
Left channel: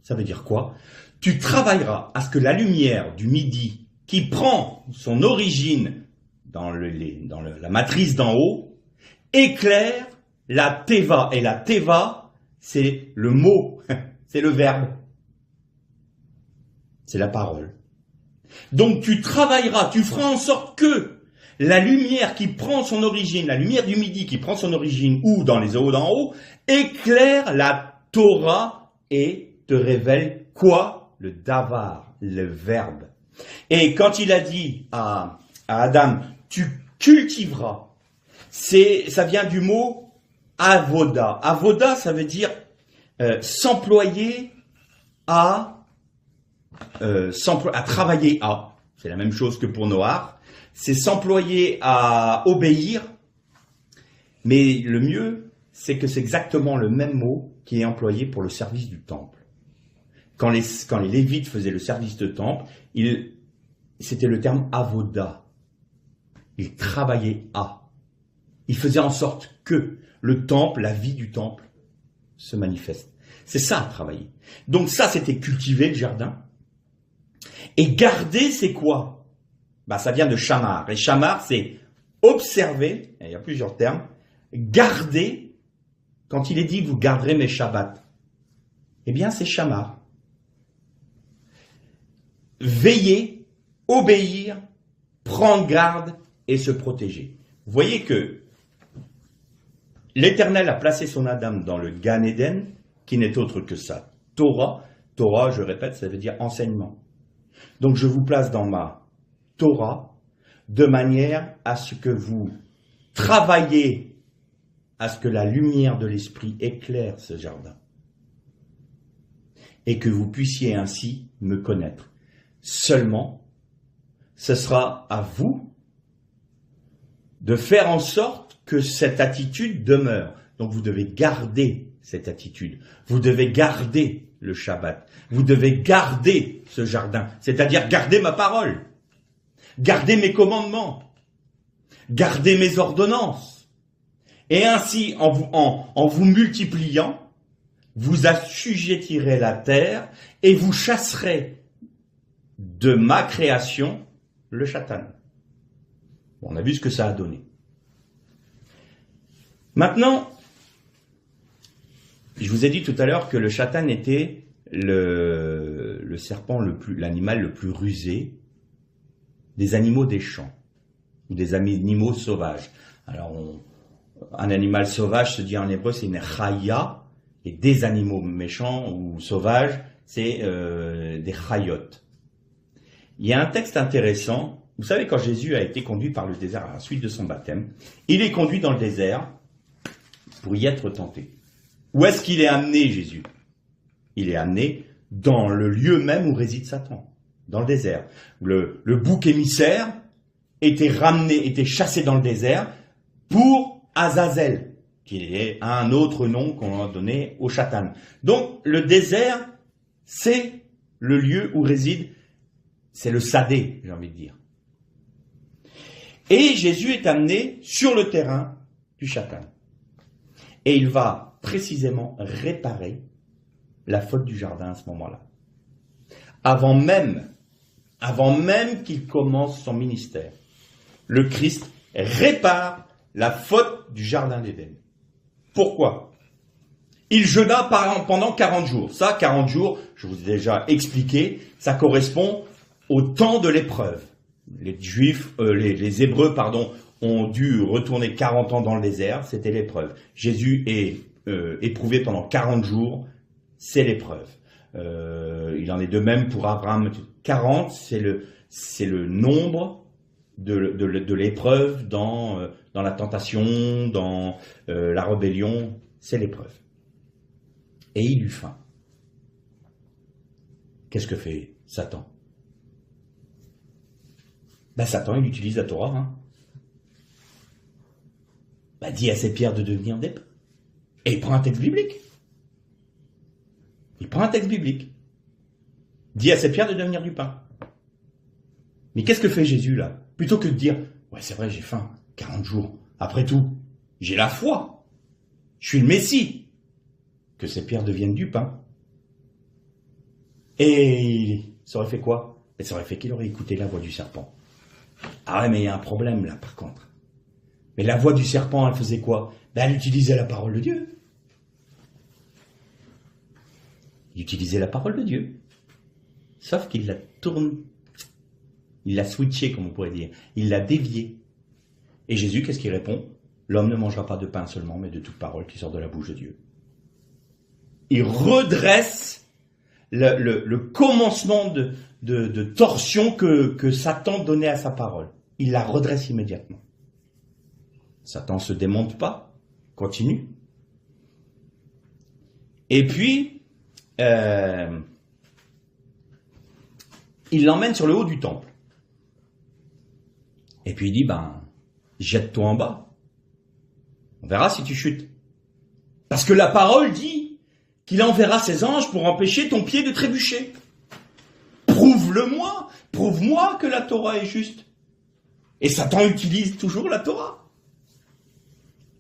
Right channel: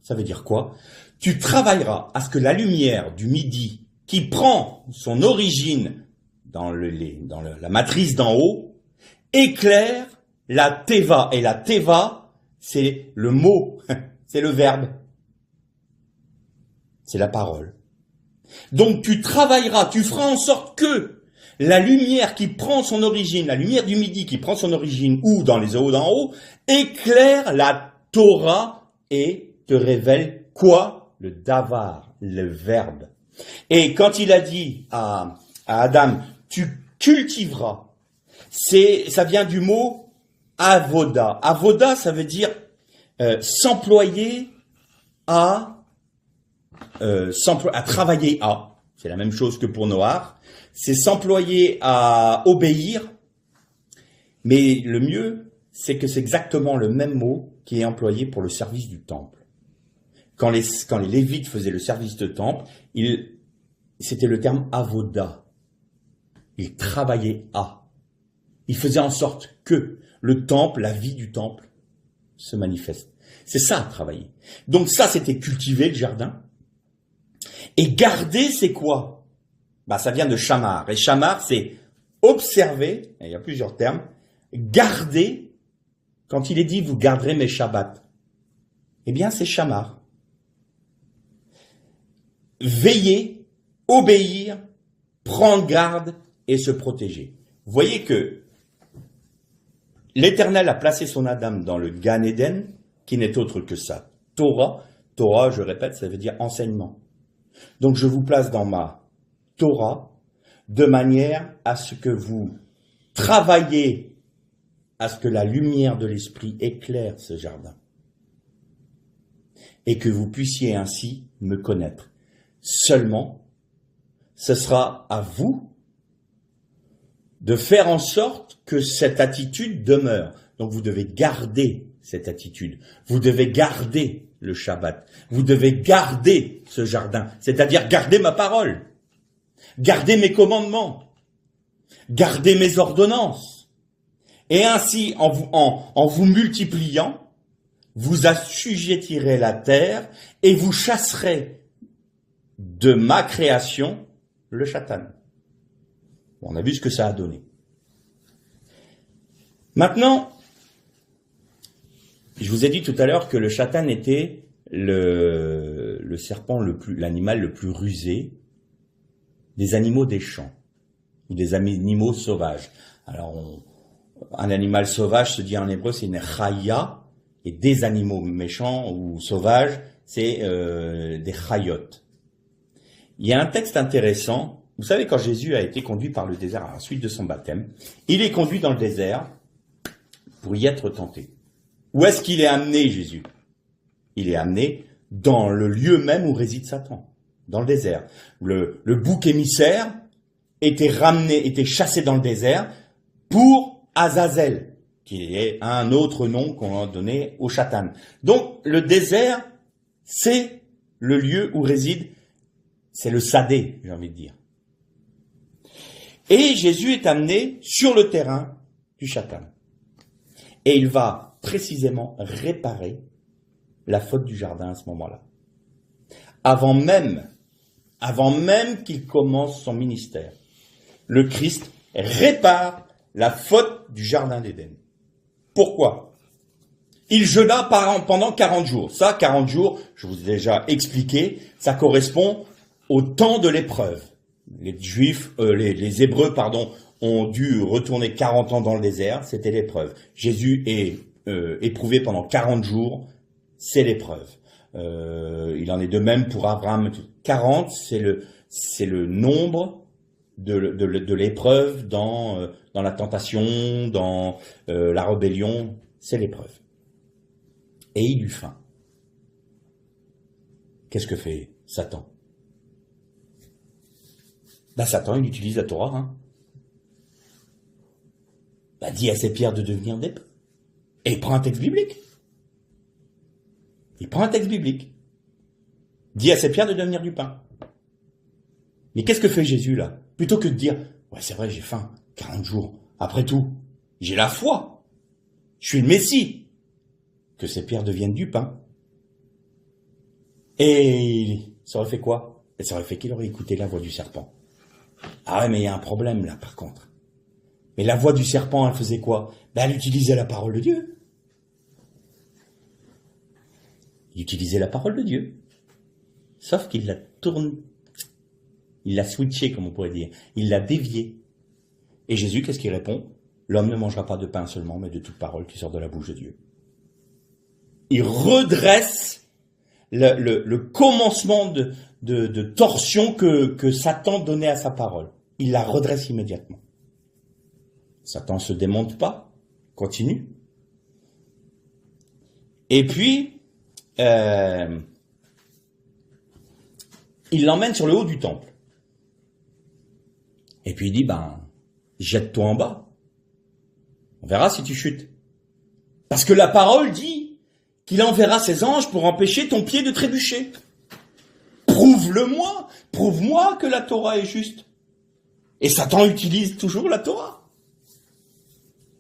Ça veut dire quoi? Tu travailleras à ce que la lumière du midi, qui prend son origine dans la matrice d'en haut, éclaire la teva. Et la teva, c'est le mot, c'est le verbe. C'est la parole. Donc tu travailleras, tu feras en sorte que la lumière qui prend son origine, la lumière du midi qui prend son origine ou dans les eaux d'en haut, éclaire la Torah et te révèle quoi? Le davar, le verbe. Et quand il a dit à Adam, tu cultiveras, ça vient du mot avoda. Avoda, ça veut dire s'employer à travailler à. C'est la même chose que pour Noach. C'est s'employer à obéir. Mais le mieux, c'est que c'est exactement le même mot qui est employé pour le service du temple. Quand les Lévites faisaient le service de temple, c'était le terme avoda. Ils travaillaient à. Ils faisaient en sorte que le temple, la vie du temple, se manifeste. C'est ça, travailler. Donc ça, c'était cultiver le jardin. Et garder, c'est quoi? Ça vient de shamar. Et shamar, c'est observer, il y a plusieurs termes, garder, quand il est dit, vous garderez mes shabbats, eh bien, c'est shamar. Veiller, obéir, prendre garde et se protéger. Vous voyez que l'Éternel a placé son Adam dans le Gan Eden, qui n'est autre que ça. Torah, Torah, je répète, ça veut dire enseignement. Donc je vous place dans ma Torah de manière à ce que vous travaillez à ce que la lumière de l'Esprit éclaire ce jardin et que vous puissiez ainsi me connaître. Seulement, ce sera à vous de faire en sorte que cette attitude demeure. Donc vous devez garder cette attitude. Vous devez garder le Shabbat. Vous devez garder ce jardin. C'est-à-dire garder ma parole. Garder mes commandements. Garder mes ordonnances. Et ainsi, en vous multipliant, vous assujettirez la terre et vous chasserez de ma création le Satan. On a vu ce que ça a donné. Maintenant, je vous ai dit tout à l'heure que le Satan était le serpent l'animal le plus rusé des animaux des champs ou des animaux sauvages. Alors, un animal sauvage se dit en hébreu c'est une chaya, et des animaux méchants ou sauvages c'est des chayot. Il y a un texte intéressant. Vous savez, quand Jésus a été conduit par le désert à la suite de son baptême, il est conduit dans le désert pour y être tenté. Où est-ce qu'il est amené, Jésus? Il est amené dans le lieu même où réside Satan, dans le désert. Le bouc émissaire était chassé dans le désert pour Azazel, qui est un autre nom qu'on a donné au Satan. Donc, le désert, c'est le lieu où réside, c'est le sadé, j'ai envie de dire. Et Jésus est amené sur le terrain du Satan. Et il va précisément réparer la faute du jardin à ce moment-là. Avant même avant même qu'il commence son ministère. Le Christ répare la faute du jardin d'Éden. Pourquoi ? Il jeûna pendant 40 jours. Ça, 40 jours, je vous ai déjà expliqué, ça correspond au temps de l'épreuve. Les Hébreux, ont dû retourner 40 ans dans le désert, c'était l'épreuve. Jésus est éprouvé pendant 40 jours, c'est l'épreuve. Il en est de même pour Abraham. 40, c'est le nombre de l'épreuve dans la tentation, dans la rébellion, c'est l'épreuve. Et il eut faim. Qu'est-ce que fait Satan ? Satan, il utilise la Torah. Dit à ces pierres de devenir des pains. Et il prend un texte biblique. Dit à ces pierres de devenir du pain. Mais qu'est-ce que fait Jésus là ? Plutôt que de dire, ouais c'est vrai j'ai faim, 40 jours, après tout, j'ai la foi, je suis le Messie, que ces pierres deviennent du pain. Et ça aurait fait quoi ? Et ça aurait fait qu'il aurait écouté la voix du serpent. Ah ouais, mais il y a un problème là par contre. Mais la voix du serpent, elle faisait quoi ? Elle utilisait la parole de Dieu. Il utilisait la parole de Dieu. Sauf qu'il la tourne, il l'a switché, comme on pourrait dire. Il l'a dévié. Et Jésus, qu'est-ce qu'il répond ? L'homme ne mangera pas de pain seulement, mais de toute parole qui sort de la bouche de Dieu. Il redresse le commencement de torsion que Satan donnait à sa parole. Il la redresse immédiatement. Satan ne se démonte pas, continue. Et puis, il l'emmène sur le haut du temple. Et puis il dit, jette-toi en bas. On verra si tu chutes. Parce que la parole dit qu'il enverra ses anges pour empêcher ton pied de trébucher. Prouve-le-moi. Prouve-moi que la Torah est juste. Et Satan utilise toujours la Torah.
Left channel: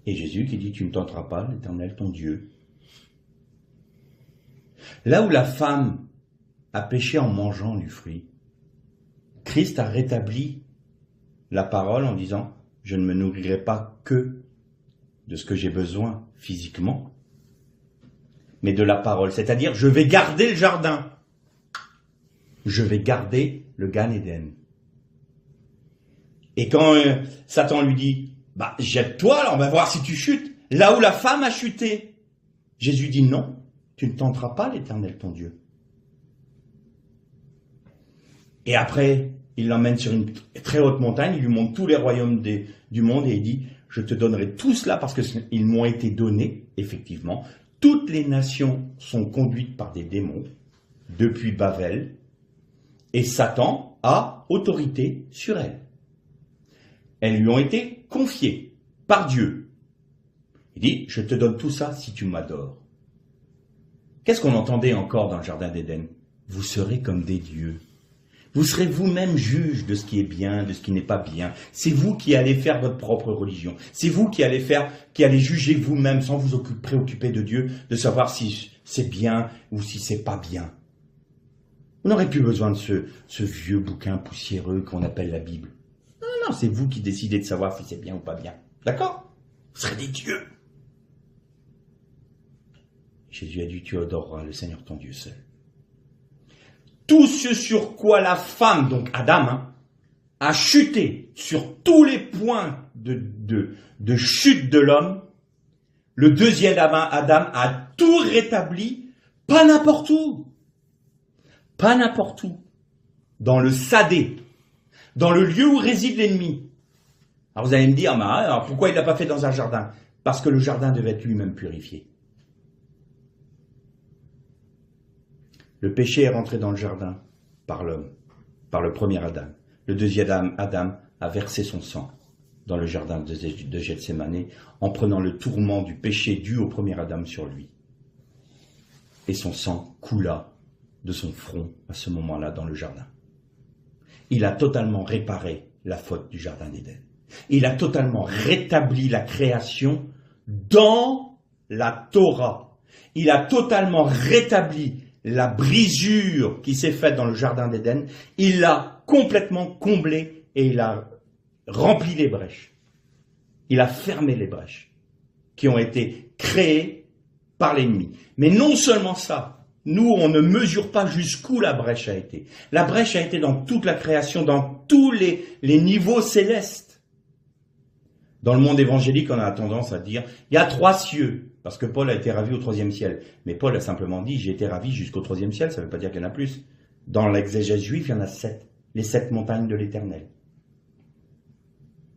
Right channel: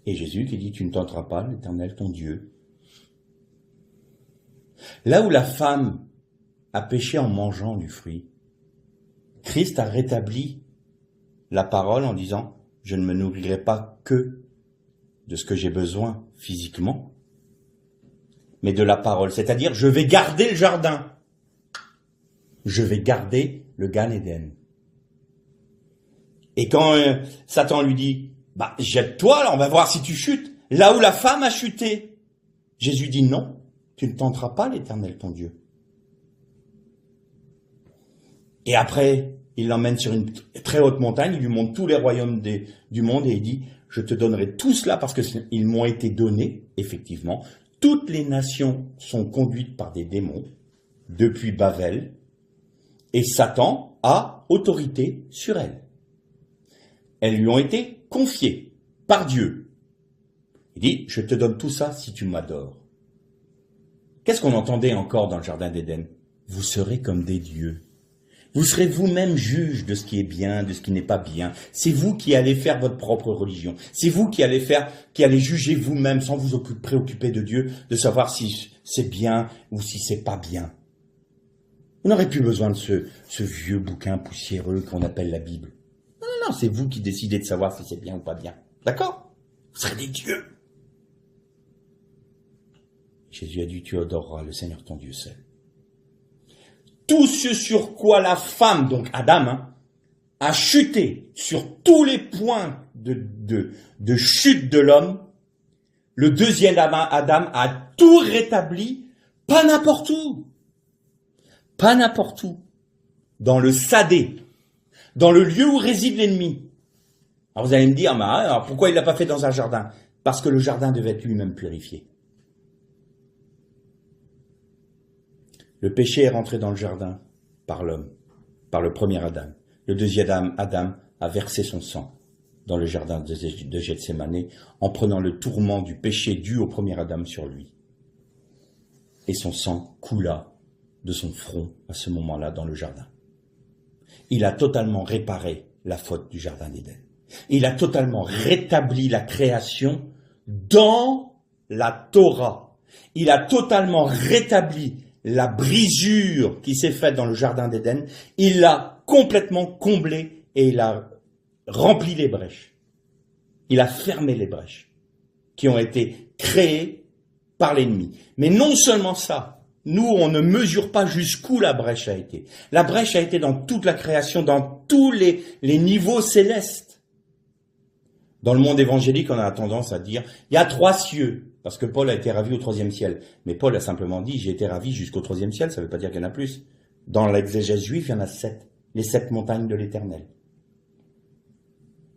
Et Jésus qui dit, tu ne tenteras pas l'Éternel ton Dieu. Là où la femme a péché en mangeant du fruit, Christ a rétabli la parole en disant, je ne me nourrirai pas que de ce que j'ai besoin physiquement, mais de la parole. C'est-à-dire, je vais garder le jardin. Je vais garder le Gan Eden. Et quand Satan lui dit, jette-toi, là, on va voir si tu chutes. Là où la femme a chuté, Jésus dit non, tu ne tenteras pas l'Éternel ton Dieu. Et après, il l'emmène sur une très haute montagne, il lui montre tous les royaumes du monde et il dit, je te donnerai tout cela parce qu'ils m'ont été donnés, effectivement. Toutes les nations sont conduites par des démons, depuis Babel, et Satan a autorité sur elles. Elles lui ont été confiées par Dieu. Il dit, je te donne tout ça si tu m'adores. Qu'est-ce qu'on entendait encore dans le jardin d'Éden ? Vous serez comme des dieux. Vous serez vous-même juge de ce qui est bien, de ce qui n'est pas bien. C'est vous qui allez faire votre propre religion. C'est vous qui allez juger vous-même sans vous préoccuper de Dieu, de savoir si c'est bien ou si c'est pas bien. Vous n'aurez plus besoin de ce vieux bouquin poussiéreux qu'on appelle la Bible. Non, c'est vous qui décidez de savoir si c'est bien ou pas bien. D'accord ? Vous serez des dieux. Jésus a dit, tu adoreras le Seigneur ton Dieu seul. Tout ce sur quoi la femme, donc Adam, a chuté, sur tous les points de chute de l'homme, le deuxième Adam a tout rétabli, pas n'importe où. Pas n'importe où. Dans le sadé, dans le lieu où réside l'ennemi. Alors vous allez me dire, alors pourquoi il ne l'a pas fait dans un jardin ? Parce que le jardin devait être lui-même purifié. Le péché est rentré dans le jardin par l'homme, par le premier Adam. Le deuxième Adam a versé son sang dans le jardin de Gethsémani en prenant le tourment du péché dû au premier Adam sur lui. Et son sang coula de son front à ce moment-là dans le jardin. Il a totalement réparé la faute du jardin d'Éden. Il a totalement rétabli la création dans la Torah. Il a totalement rétabli la brisure qui s'est faite dans le jardin d'Éden. Il l'a complètement comblé et il a rempli les brèches. Il a fermé les brèches qui ont été créées par l'ennemi. Mais non seulement ça, nous, on ne mesure pas jusqu'où la brèche a été. La brèche a été dans toute la création, dans tous les niveaux célestes. Dans le monde évangélique, on a tendance à dire, il y a 3 cieux, parce que Paul a été ravi au 3e ciel. Mais Paul a simplement dit, j'ai été ravi jusqu'au 3e ciel, ça ne veut pas dire qu'il y en a plus. Dans l'exégèse juive, il y en a 7, les 7 montagnes de l'Éternel.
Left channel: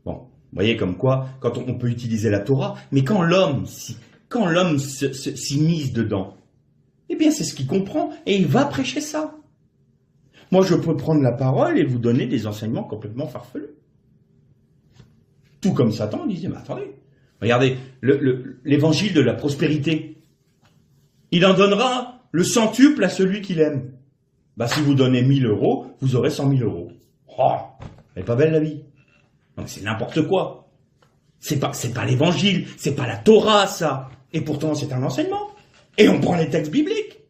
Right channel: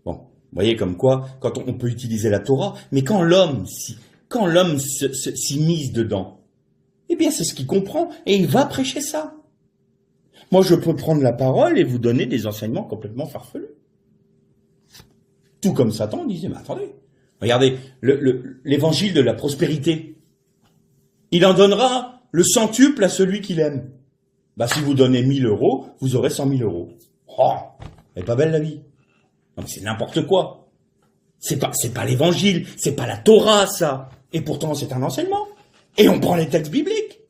Bon, vous voyez comme quoi, quand on peut utiliser la Torah, mais quand l'homme s'immisce dedans, eh bien c'est ce qu'il comprend, et il va prêcher ça. Moi je peux prendre la parole et vous donner des enseignements complètement farfelus. Tout comme Satan disait, mais attendez, regardez, l'évangile de la prospérité, il en donnera le centuple à celui qu'il aime. Bah, si vous donnez 1 000 euros, vous aurez 100 000 euros. Oh, elle est pas belle la vie. Donc c'est n'importe quoi. C'est pas l'évangile, c'est pas la Torah, ça. Et pourtant, c'est un enseignement. Et on prend les textes bibliques.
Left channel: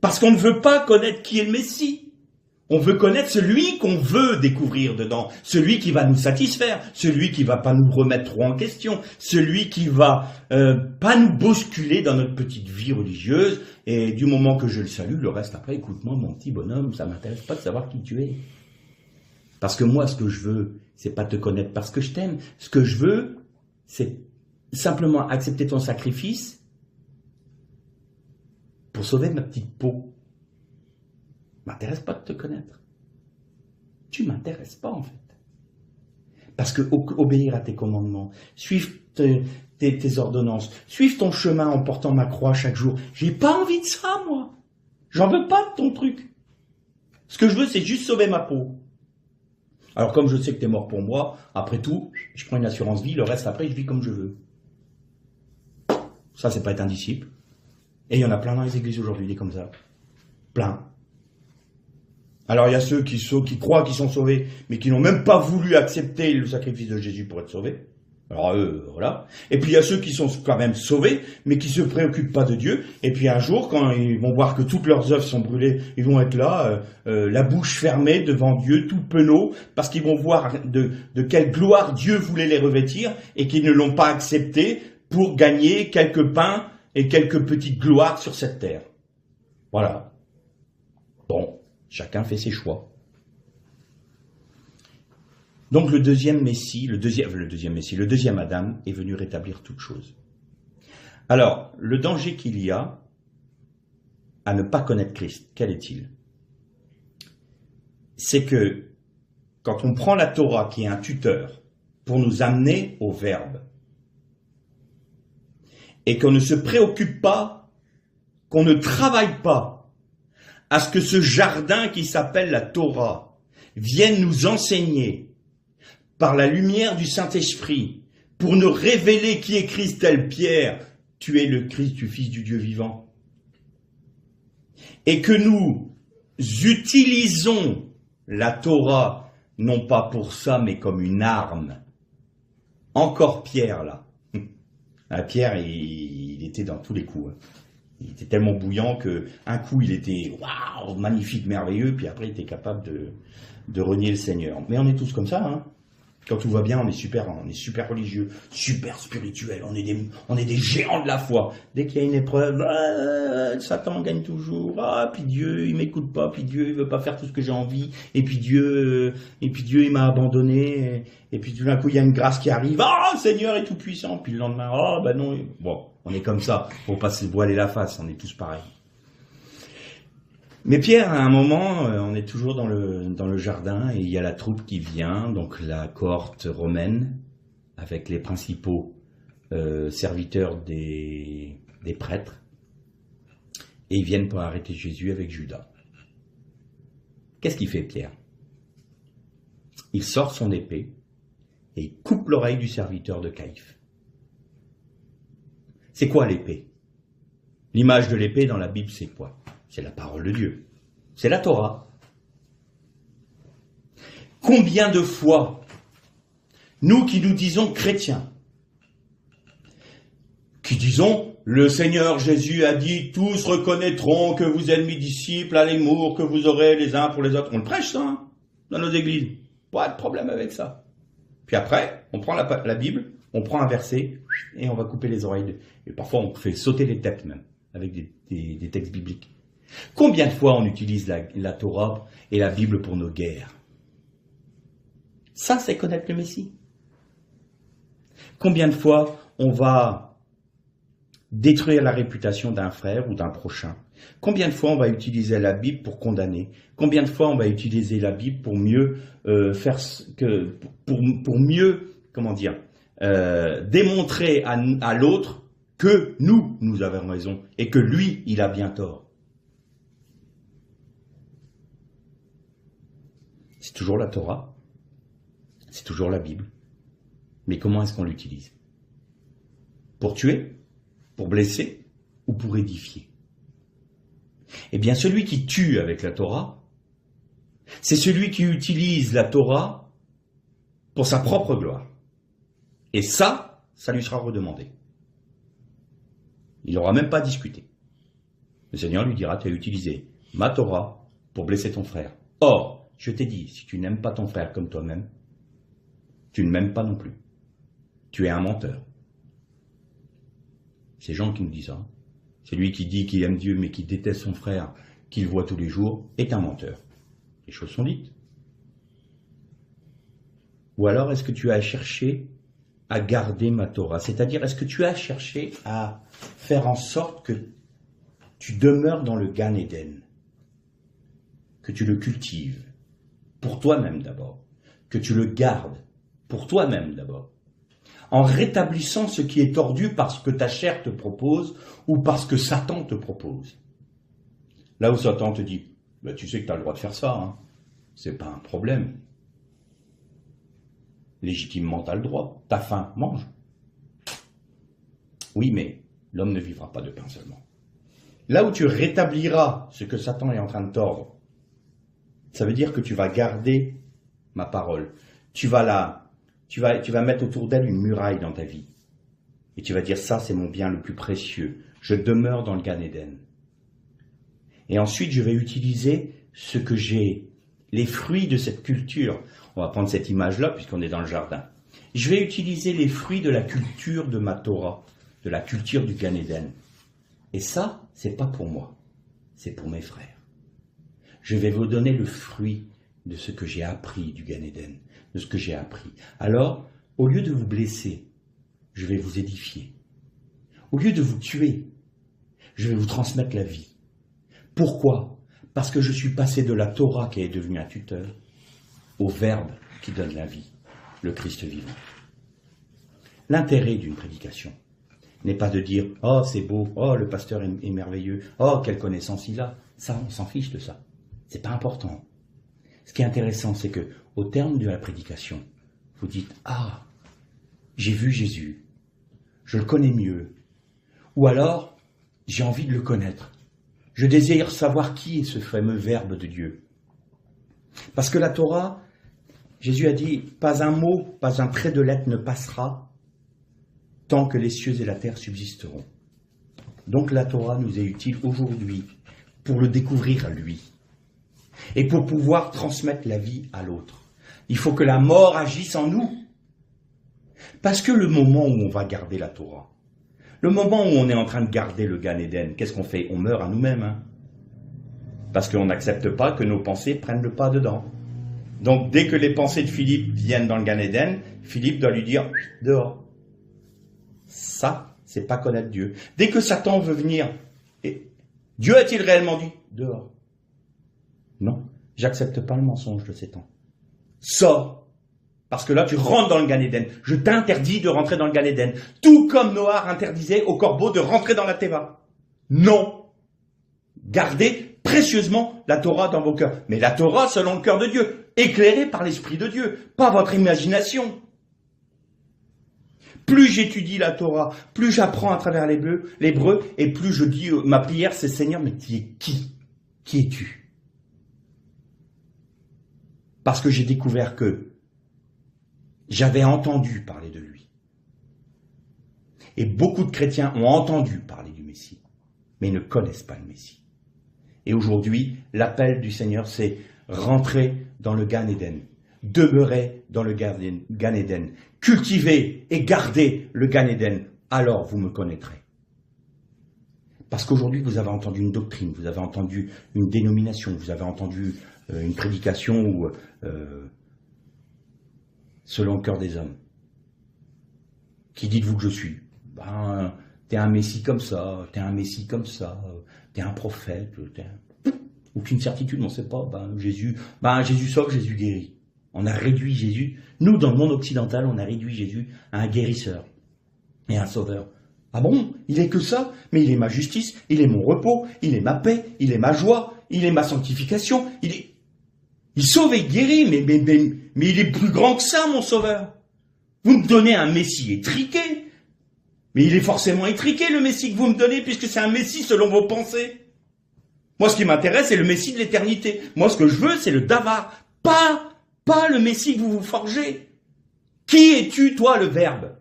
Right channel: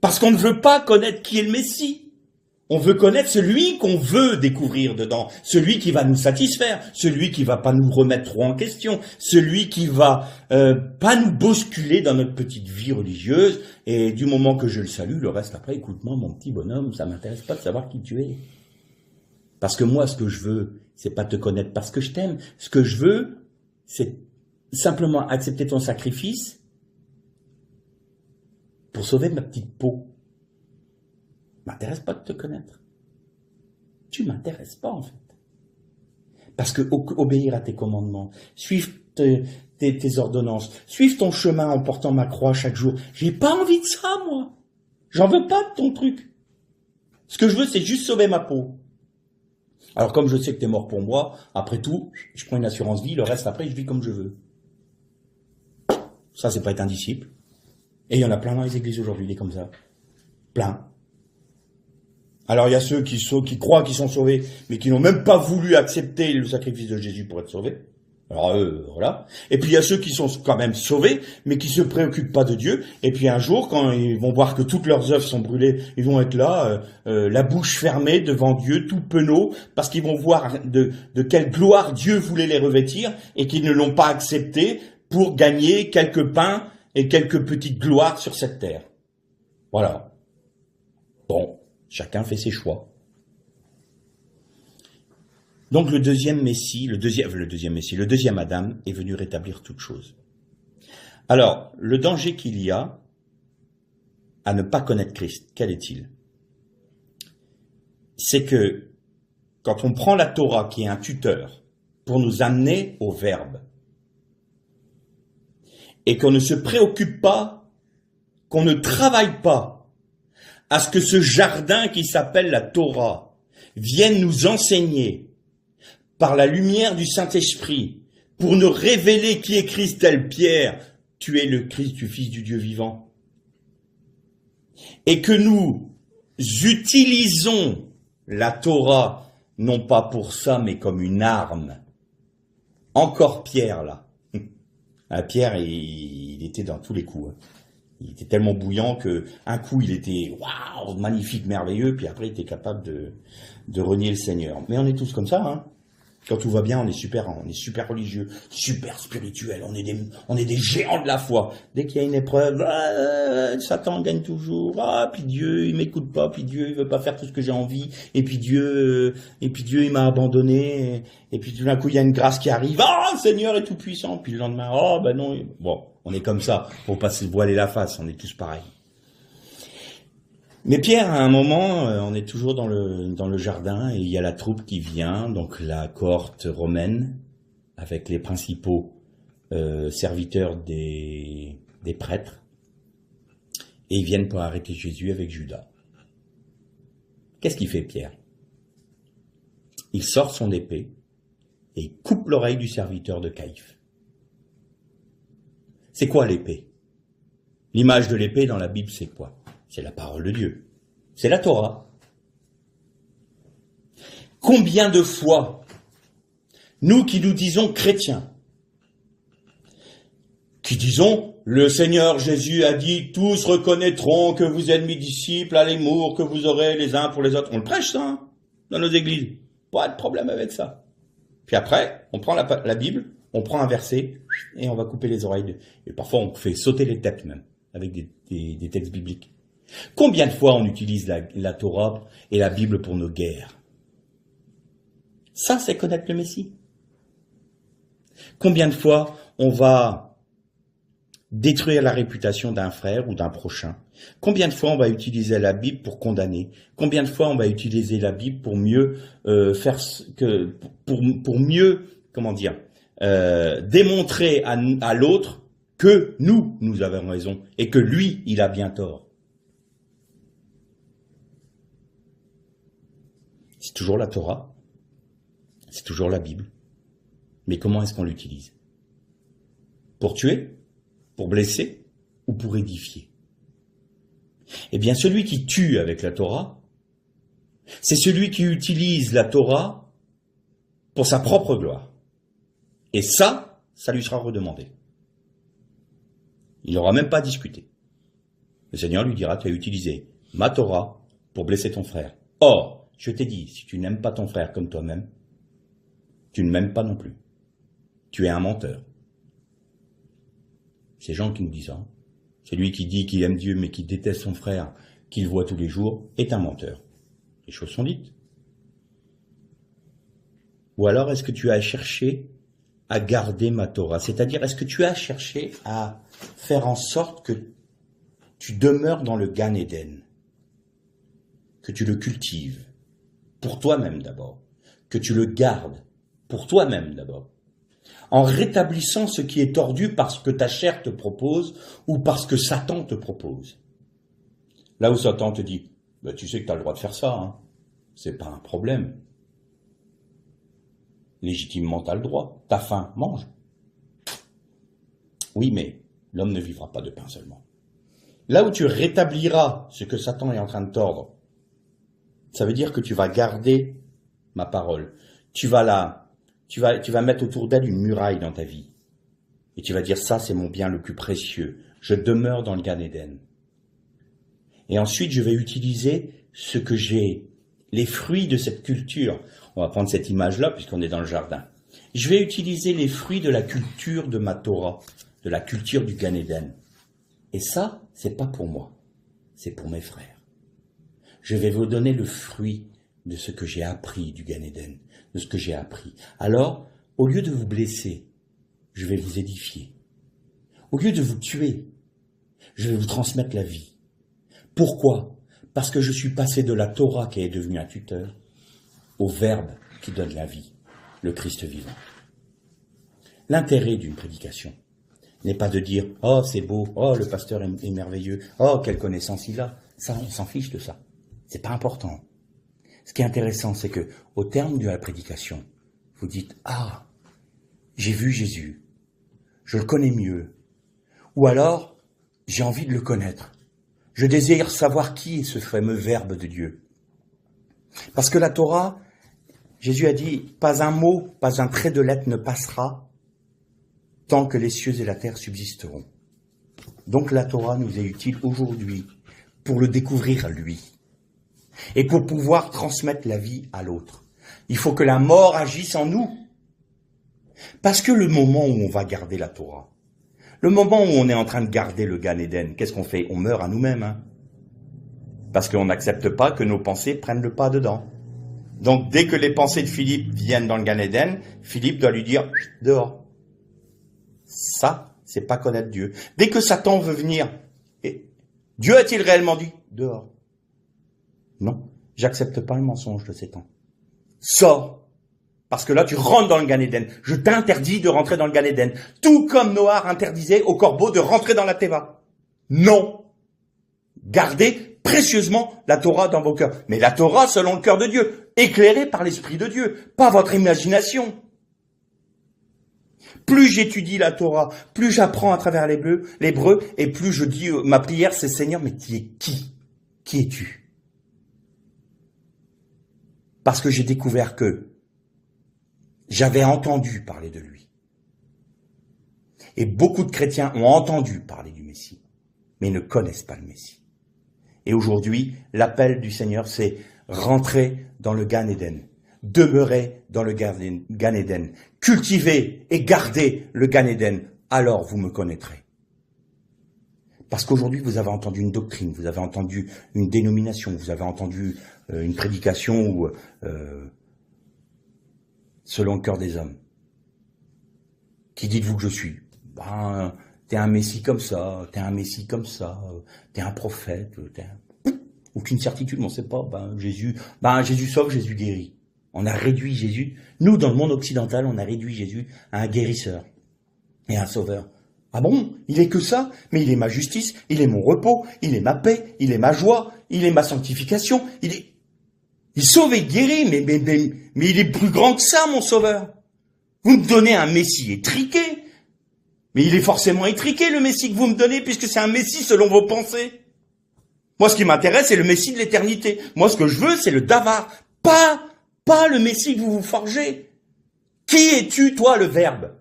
Parce qu'on ne veut pas connaître qui est le Messie. On veut connaître celui qu'on veut découvrir dedans. Celui qui va nous satisfaire. Celui qui va pas nous remettre trop en question. Celui qui va pas nous bousculer dans notre petite vie religieuse. Et du moment que je le salue, le reste après, écoute-moi, mon petit bonhomme, ça m'intéresse pas de savoir qui tu es. Parce que moi, ce que je veux, c'est pas te connaître parce que je t'aime. Ce que je veux, c'est simplement accepter ton sacrifice pour sauver ma petite peau. M'intéresse pas de te connaître. Tu m'intéresses pas, en fait. Parce que obéir à tes commandements, suivre tes ordonnances, suivre ton chemin en portant ma croix chaque jour, j'ai pas envie de ça, moi. J'en veux pas de ton truc. Ce que je veux, c'est juste sauver ma peau. Alors, comme je sais que tu es mort pour moi, après tout, je prends une assurance vie, le reste après, je vis comme je veux. Ça, c'est pas être un disciple. Et il y en a plein dans les églises aujourd'hui, des comme ça. Plein. Alors, il y a ceux qui croient qu'ils sont sauvés, mais qui n'ont même pas voulu accepter le sacrifice de Jésus pour être sauvés. Alors, voilà. Et puis, il y a ceux qui sont quand même sauvés, mais qui se préoccupent pas de Dieu. Et puis, un jour, quand ils vont voir que toutes leurs œuvres sont brûlées, ils vont être là, la bouche fermée devant Dieu, tout penaud, parce qu'ils vont voir de quelle gloire Dieu voulait les revêtir, et qu'ils ne l'ont pas accepté pour gagner quelques pains et quelques petites gloires sur cette terre. Voilà. Bon, chacun fait ses choix. Donc le deuxième Adam est venu rétablir toute chose. Alors, le danger qu'il y a à ne pas connaître Christ, quel est-il? C'est que quand on prend la Torah qui est un tuteur pour nous amener au Verbe, et qu'on ne se préoccupe pas, qu'on ne travaille pas à ce que ce jardin qui s'appelle la Torah vienne nous enseigner par la lumière du Saint-Esprit pour nous révéler qui est Christ tel Pierre, tu es le Christ du Fils du Dieu vivant. Et que nous utilisons la Torah non pas pour ça mais comme une arme. Encore Pierre là. Pierre, il était dans tous les coups. Hein. Il était tellement bouillant que un coup il était waouh, magnifique, merveilleux, puis après il était capable de renier le Seigneur. Mais on est tous comme ça, hein. Quand tout va bien, on est super religieux, super spirituel, on est des géants de la foi. Dès qu'il y a une épreuve, Satan gagne toujours. Puis Dieu, il m'écoute pas, puis Dieu, il veut pas faire tout ce que j'ai envie, et puis Dieu, il m'a abandonné, et puis tout d'un coup, il y a une grâce qui arrive. Le Seigneur est tout puissant. Puis le lendemain, non. Bon, on est comme ça. Faut pas se voiler la face, on est tous pareils. Mais Pierre, à un moment, on est toujours dans le jardin et il y a la troupe qui vient, donc la cohorte romaine, avec les principaux serviteurs des prêtres, et ils viennent pour arrêter Jésus avec Judas. Qu'est-ce qu'il fait, Pierre? Il sort son épée et il coupe l'oreille du serviteur de Caïphe. C'est quoi l'épée? L'image de l'épée dans la Bible, c'est quoi? C'est la parole de Dieu. C'est la Torah. Combien de fois, nous qui nous disons chrétiens, Puis disons, le Seigneur Jésus a dit, tous reconnaîtront que vous êtes mes disciples à l'amour que vous aurez les uns pour les autres. On le prêche ça, hein, dans nos églises. Pas de problème avec ça. Puis après, on prend la Bible, on prend un verset, et on va couper les oreilles. Et parfois, on fait sauter les têtes même, avec des textes bibliques. Combien de fois on utilise la Torah et la Bible pour nos guerres? Ça, c'est connaître le Messie. Combien de fois on va détruire la réputation d'un frère ou d'un prochain? Combien de fois on va utiliser la Bible pour condamner? Combien de fois on va utiliser la Bible pour mieux pour mieux, comment dire, démontrer à l'autre que nous avons raison et que lui, il a bien tort? C'est toujours la Torah, c'est toujours la Bible. Mais comment est-ce qu'on l'utilise? Pour tuer? Pour blesser? Ou pour édifier? Eh bien, celui qui tue avec la Torah, c'est celui qui utilise la Torah pour sa propre gloire. Et ça lui sera redemandé. Il n'aura même pas discuté. Le Seigneur lui dira, tu as utilisé ma Torah pour blesser ton frère. Or, je t'ai dit, si tu n'aimes pas ton frère comme toi-même, tu ne m'aimes pas non plus. Tu es un menteur. C'est Jean qui nous dit ça. Celui qui dit qu'il aime Dieu mais qui déteste son frère, qu'il voit tous les jours, est un menteur. Les choses sont dites. Ou alors est-ce que tu as cherché à garder ma Torah? C'est-à-dire, est-ce que tu as cherché à faire en sorte que tu demeures dans le Gan Eden, que tu le cultives, pour toi-même d'abord, que tu le gardes, pour toi-même d'abord, en rétablissant ce qui est tordu parce que ta chair te propose ou parce que Satan te propose. Là où Satan te dit, bah, tu sais que tu as le droit de faire ça, hein. C'est pas un problème. Légitimement, tu as le droit. T'as faim, mange. Oui, mais l'homme ne vivra pas de pain seulement. Là où tu rétabliras ce que Satan est en train de tordre, ça veut dire que tu vas garder ma parole. Tu vas mettre autour d'elle une muraille dans ta vie. Et tu vas dire, ça c'est mon bien le plus précieux. Je demeure dans le Gan Eden. Et ensuite, je vais utiliser ce que j'ai, les fruits de cette culture. On va prendre cette image-là, puisqu'on est dans le jardin. Je vais utiliser les fruits de la culture de ma Torah, de la culture du Gan Eden. Et ça, c'est pas pour moi. C'est pour mes frères. Je vais vous donner le fruit de ce que j'ai appris du Gan Eden, de ce que j'ai appris. Alors, au lieu de vous blesser, je vais vous édifier. Au lieu de vous tuer, je vais vous transmettre la vie. Pourquoi? Parce que je suis passé de la Torah qui est devenue un tuteur au Verbe qui donne la vie, le Christ vivant. L'intérêt d'une prédication n'est pas de dire « Oh, c'est beau, oh, le pasteur est merveilleux, oh, quelle connaissance il a ». Ça, on s'en fiche de ça. C'est pas important. Ce qui est intéressant, c'est que au terme de la prédication, vous dites « Ah, j'ai vu Jésus, je le connais mieux. » Ou alors, j'ai envie de le connaître. Je désire savoir qui est ce fameux Verbe de Dieu. Parce que la Torah, Jésus a dit, pas un mot, pas un trait de lettre ne passera tant que les cieux et la terre subsisteront. Donc la Torah nous est utile aujourd'hui pour le découvrir lui et pour pouvoir transmettre la vie à l'autre. Il faut que la mort agisse en nous. Parce que le moment où on va garder la Torah, le moment où on est en train de garder le Gan Eden, qu'est-ce qu'on fait? On meurt à nous-mêmes. Hein, parce qu'on n'accepte pas que nos pensées prennent le pas dedans. Donc dès que les pensées de Philippe viennent dans le Gan Eden, Philippe doit lui dire « dehors ». Ça, c'est pas connaître Dieu. Dès que Satan veut venir, Dieu a-t-il réellement dit « dehors ». Non, j'accepte pas le mensonge de Satan. Sors. Parce que là, tu rentres dans le Gan Eden. Je t'interdis de rentrer dans le Gan Eden. Tout comme Noah interdisait au corbeau de rentrer dans la Théba. Non. Gardez précieusement la Torah dans vos cœurs. Mais la Torah selon le cœur de Dieu. Éclairée par l'Esprit de Dieu. Pas votre imagination. Plus j'étudie la Torah, plus j'apprends à travers l'hébreu, et plus je dis, ma prière, c'est Seigneur, mais qui est qui? Qui es-tu? Parce que j'ai découvert que j'avais entendu parler de lui. Et beaucoup de chrétiens ont entendu parler du Messie, mais ne connaissent pas le Messie. Et aujourd'hui, l'appel du Seigneur, c'est rentrer dans le Gan Eden, demeurer dans le Gan Eden, cultiver et garder le Gan Eden, alors vous me connaîtrez. Parce qu'aujourd'hui, vous avez entendu une doctrine, vous avez entendu une dénomination, vous avez entendu une prédication ou selon le cœur des hommes. Qui dites-vous que je suis? Ben, t'es un messie comme ça, t'es un messie comme ça, t'es un prophète, aucune certitude, on ne sait pas. Jésus sauve, Jésus guérit. On a réduit Jésus, nous dans le monde occidental, on a réduit Jésus à un guérisseur et un sauveur. Ah bon, il est que ça, mais il est ma justice, il est mon repos, il est ma paix, il est ma joie, il est ma sanctification, il sauve et guérit, mais il est plus grand que ça, mon sauveur. Vous me donnez un messie étriqué, mais il est forcément étriqué, le messie que vous me donnez, puisque c'est un messie selon vos pensées. Moi, ce qui m'intéresse, c'est le messie de l'éternité. Moi, ce que je veux, c'est le davar, pas le messie que vous vous forgez. Qui es-tu, toi, le Verbe?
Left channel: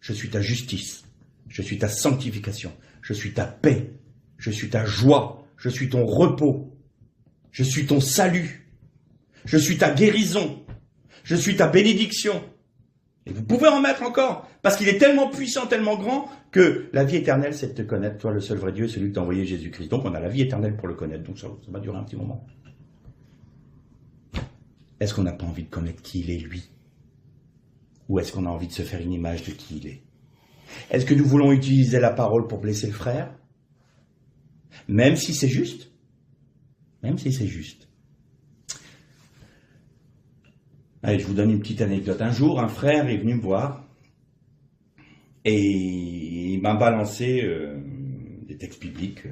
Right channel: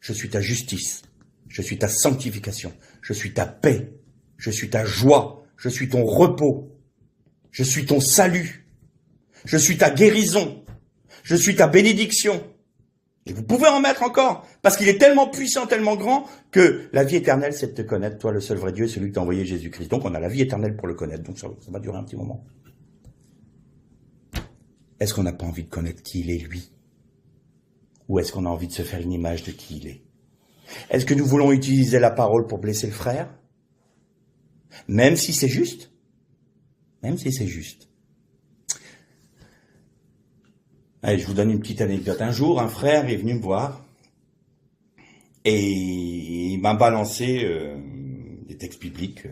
Je suis ta justice. Je suis ta sanctification, je suis ta paix, je suis ta joie, je suis ton repos, je suis ton salut, je suis ta guérison, je suis ta bénédiction. Et vous pouvez en mettre encore, parce qu'il est tellement puissant, tellement grand, que la vie éternelle, c'est de te connaître, toi le seul vrai Dieu, celui qui t'a envoyé Jésus-Christ. Donc on a la vie éternelle pour le connaître, donc ça va durer un petit moment. Est-ce qu'on n'a pas envie de connaître qui il est, lui? Ou est-ce qu'on a envie de se faire une image de qui il est? Est-ce que nous voulons utiliser la parole pour blesser le frère? Même si c'est juste? Même si c'est juste. Allez, je vous donne une petite anecdote. Un jour, un frère est venu me voir et il m'a balancé des textes bibliques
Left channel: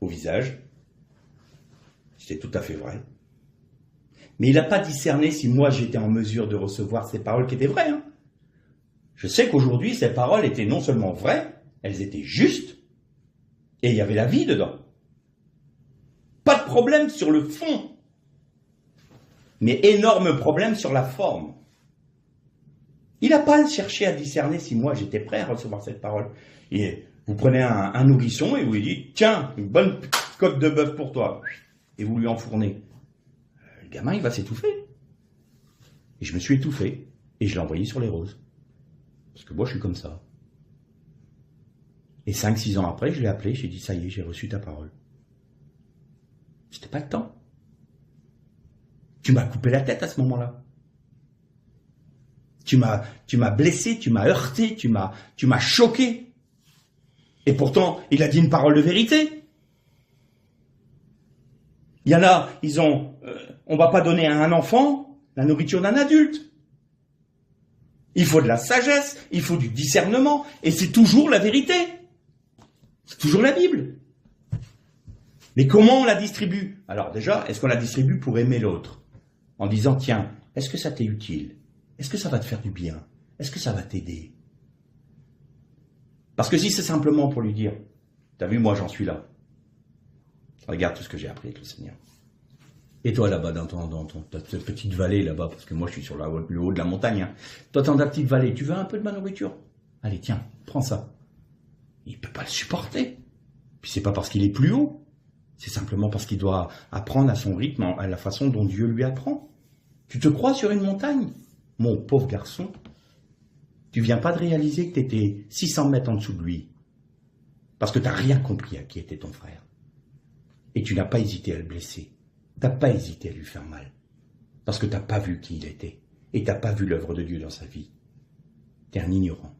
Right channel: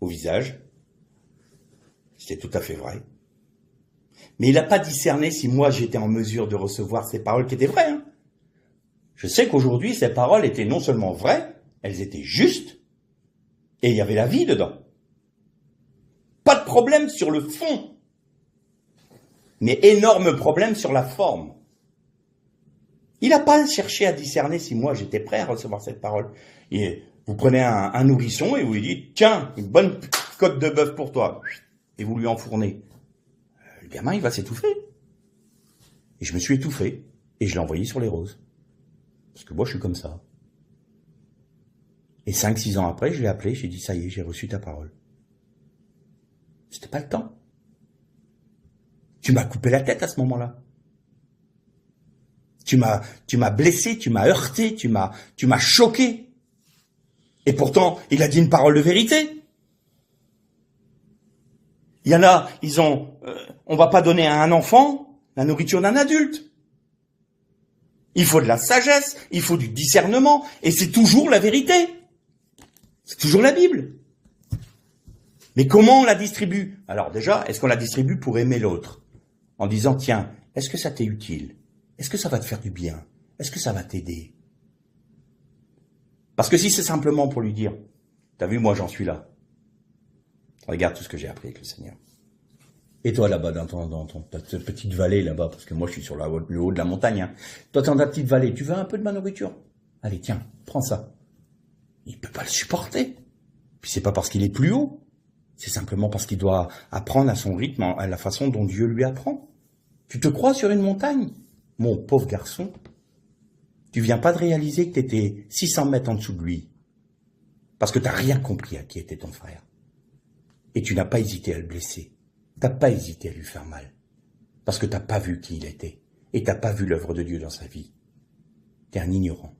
au visage. C'était tout à fait vrai. Mais il n'a pas discerné si moi j'étais en mesure de recevoir ces paroles qui étaient vraies. Hein. Je sais qu'aujourd'hui, ces paroles étaient non seulement vraies, elles étaient justes, et il y avait la vie dedans. Pas de problème sur le fond, mais énorme problème sur la forme. Il n'a pas cherché à discerner si moi j'étais prêt à recevoir cette parole. Et vous prenez un nourrisson et vous lui dites, tiens, une bonne côte de bœuf pour toi, et vous lui enfournez. Le gamin, il va s'étouffer. Et je me suis étouffé, et je l'ai envoyé sur les roses. Parce que moi, je suis comme ça. Et 5-6 ans après, je l'ai appelé, j'ai dit, ça y est, j'ai reçu ta parole. C'était pas le temps. Tu m'as coupé la tête à ce moment-là. Tu m'as blessé, tu m'as heurté, tu m'as choqué. Et pourtant, il a dit une parole de vérité. Il y en a, on va pas donner à un enfant la nourriture d'un adulte. Il faut de la sagesse, il faut du discernement, et c'est toujours la vérité. C'est toujours la Bible. Mais comment on la distribue? Alors déjà, est-ce qu'on la distribue pour aimer l'autre? En disant, tiens, est-ce que ça t'est utile? Est-ce que ça va te faire du bien? Est-ce que ça va t'aider? Parce que si c'est simplement pour lui dire, t'as vu, moi j'en suis là. Regarde tout ce que j'ai appris avec le Seigneur. Et toi là-bas, dans ta petite vallée là-bas, parce que moi je suis sur le haut de la montagne, hein. Toi dans ta petite vallée, tu veux un peu de ma nourriture? Allez, tiens, prends ça. Il ne peut pas le supporter. Puis c'est pas parce qu'il est plus haut, c'est simplement parce qu'il doit apprendre à son rythme, à la façon dont Dieu lui apprend. Tu te crois sur une montagne? Mon pauvre garçon, tu viens pas de réaliser que tu étais 600 mètres en dessous de lui, parce que tu n'as rien compris à qui était ton frère. Et tu n'as pas hésité à le blesser. T'as pas hésité à lui faire mal, parce que t'as pas vu qui il était, et t'as pas vu l'œuvre de Dieu dans sa vie. T'es un ignorant.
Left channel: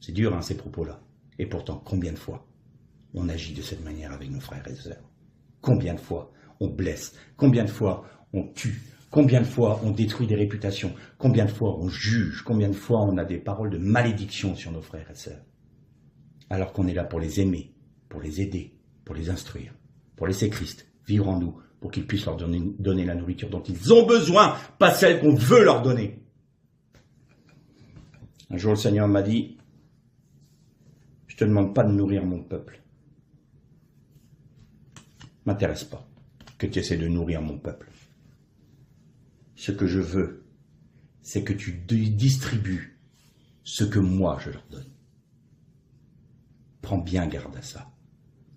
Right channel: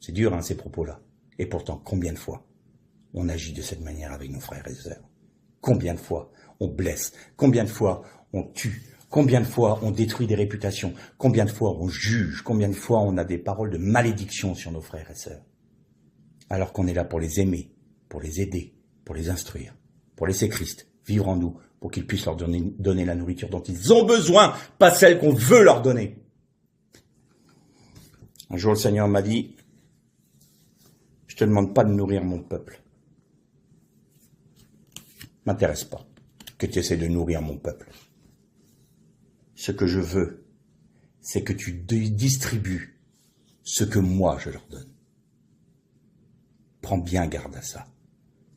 C'est dur, hein, ces propos-là. Et pourtant, combien de fois on agit de cette manière avec nos frères et sœurs? Combien de fois on blesse? Combien de fois on tue? Combien de fois on détruit des réputations? Combien de fois on juge? Combien de fois on a des paroles de malédiction sur nos frères et sœurs? Alors qu'on est là pour les aimer, pour les aider, pour les instruire, pour laisser Christ vivre en nous, pour qu'ils puissent leur donner la nourriture dont ils ont besoin, pas celle qu'on veut leur donner. Un jour, le Seigneur m'a dit, je te demande pas de nourrir mon peuple. M'intéresse pas que tu essaies de nourrir mon peuple. Ce que je veux, c'est que tu distribues ce que moi je leur donne. Prends bien garde à ça.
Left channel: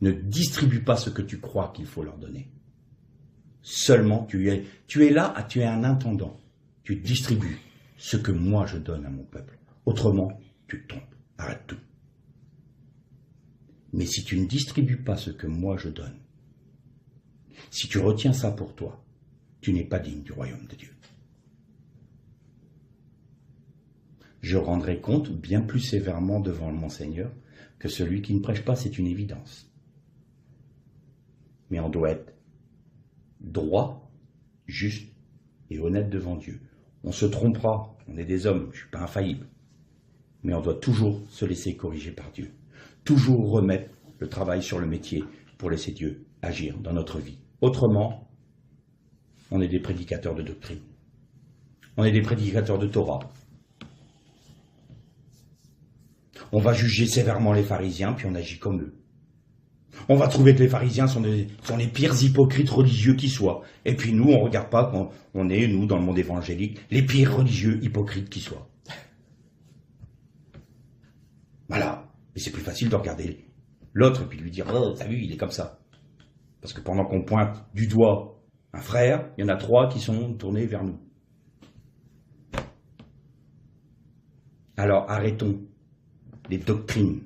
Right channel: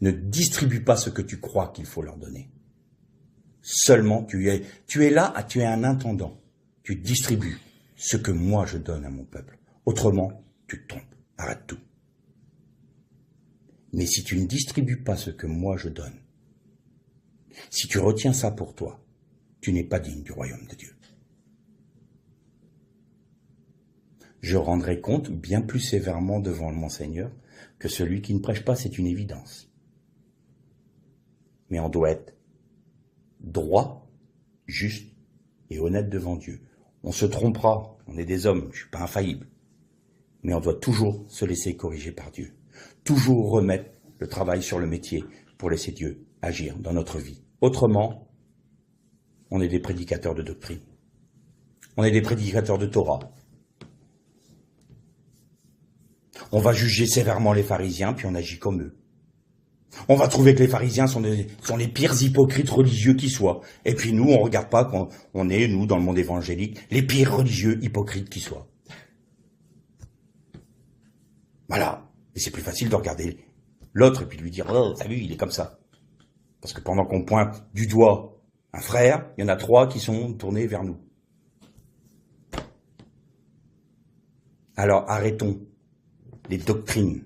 Ne distribue pas ce que tu crois qu'il faut leur donner. Seulement, tu es là, tu es un intendant. Tu distribues ce que moi je donne à mon peuple. Autrement, tu tombes. Arrête tout. Mais si tu ne distribues pas ce que moi je donne, si tu retiens ça pour toi, tu n'es pas digne du royaume de Dieu. Je rendrai compte bien plus sévèrement devant mon Seigneur que celui qui ne prêche pas, c'est une évidence. Mais on doit être droit, juste et honnête devant Dieu. On se trompera, on est des hommes, je ne suis pas infaillible. Mais on doit toujours se laisser corriger par Dieu. Toujours remettre le travail sur le métier pour laisser Dieu agir dans notre vie. Autrement, on est des prédicateurs de doctrine. On est des prédicateurs de Torah. On va juger sévèrement les pharisiens, puis on agit comme eux. On va trouver que les pharisiens sont les pires hypocrites religieux qui soient. Et puis nous, on ne regarde pas qu'on est, nous, dans le monde évangélique, les pires religieux hypocrites qui soient. Voilà. Et c'est plus facile de regarder l'autre et puis de lui dire « Oh, t'as vu, il est comme ça ». Parce que pendant qu'on pointe du doigt un frère, il y en a 3 qui sont tournés vers nous. Alors arrêtons les doctrines.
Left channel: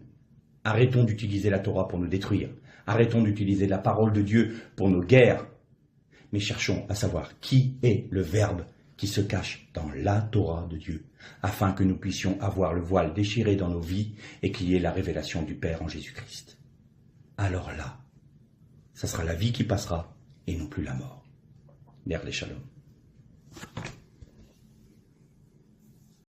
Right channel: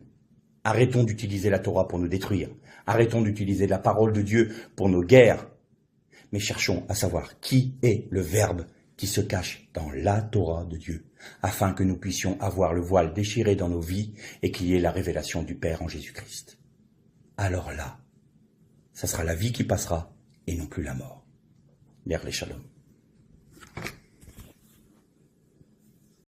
Arrêtons d'utiliser la Torah pour nous détruire. Arrêtons d'utiliser la parole de Dieu pour nos guerres. Mais cherchons à savoir qui est le Verbe qui se cache dans la Torah de Dieu, afin que nous puissions avoir le voile déchiré dans nos vies et qu'il y ait la révélation du Père en Jésus-Christ. Alors là, ça sera la vie qui passera et non plus la mort. Ler les Shalom.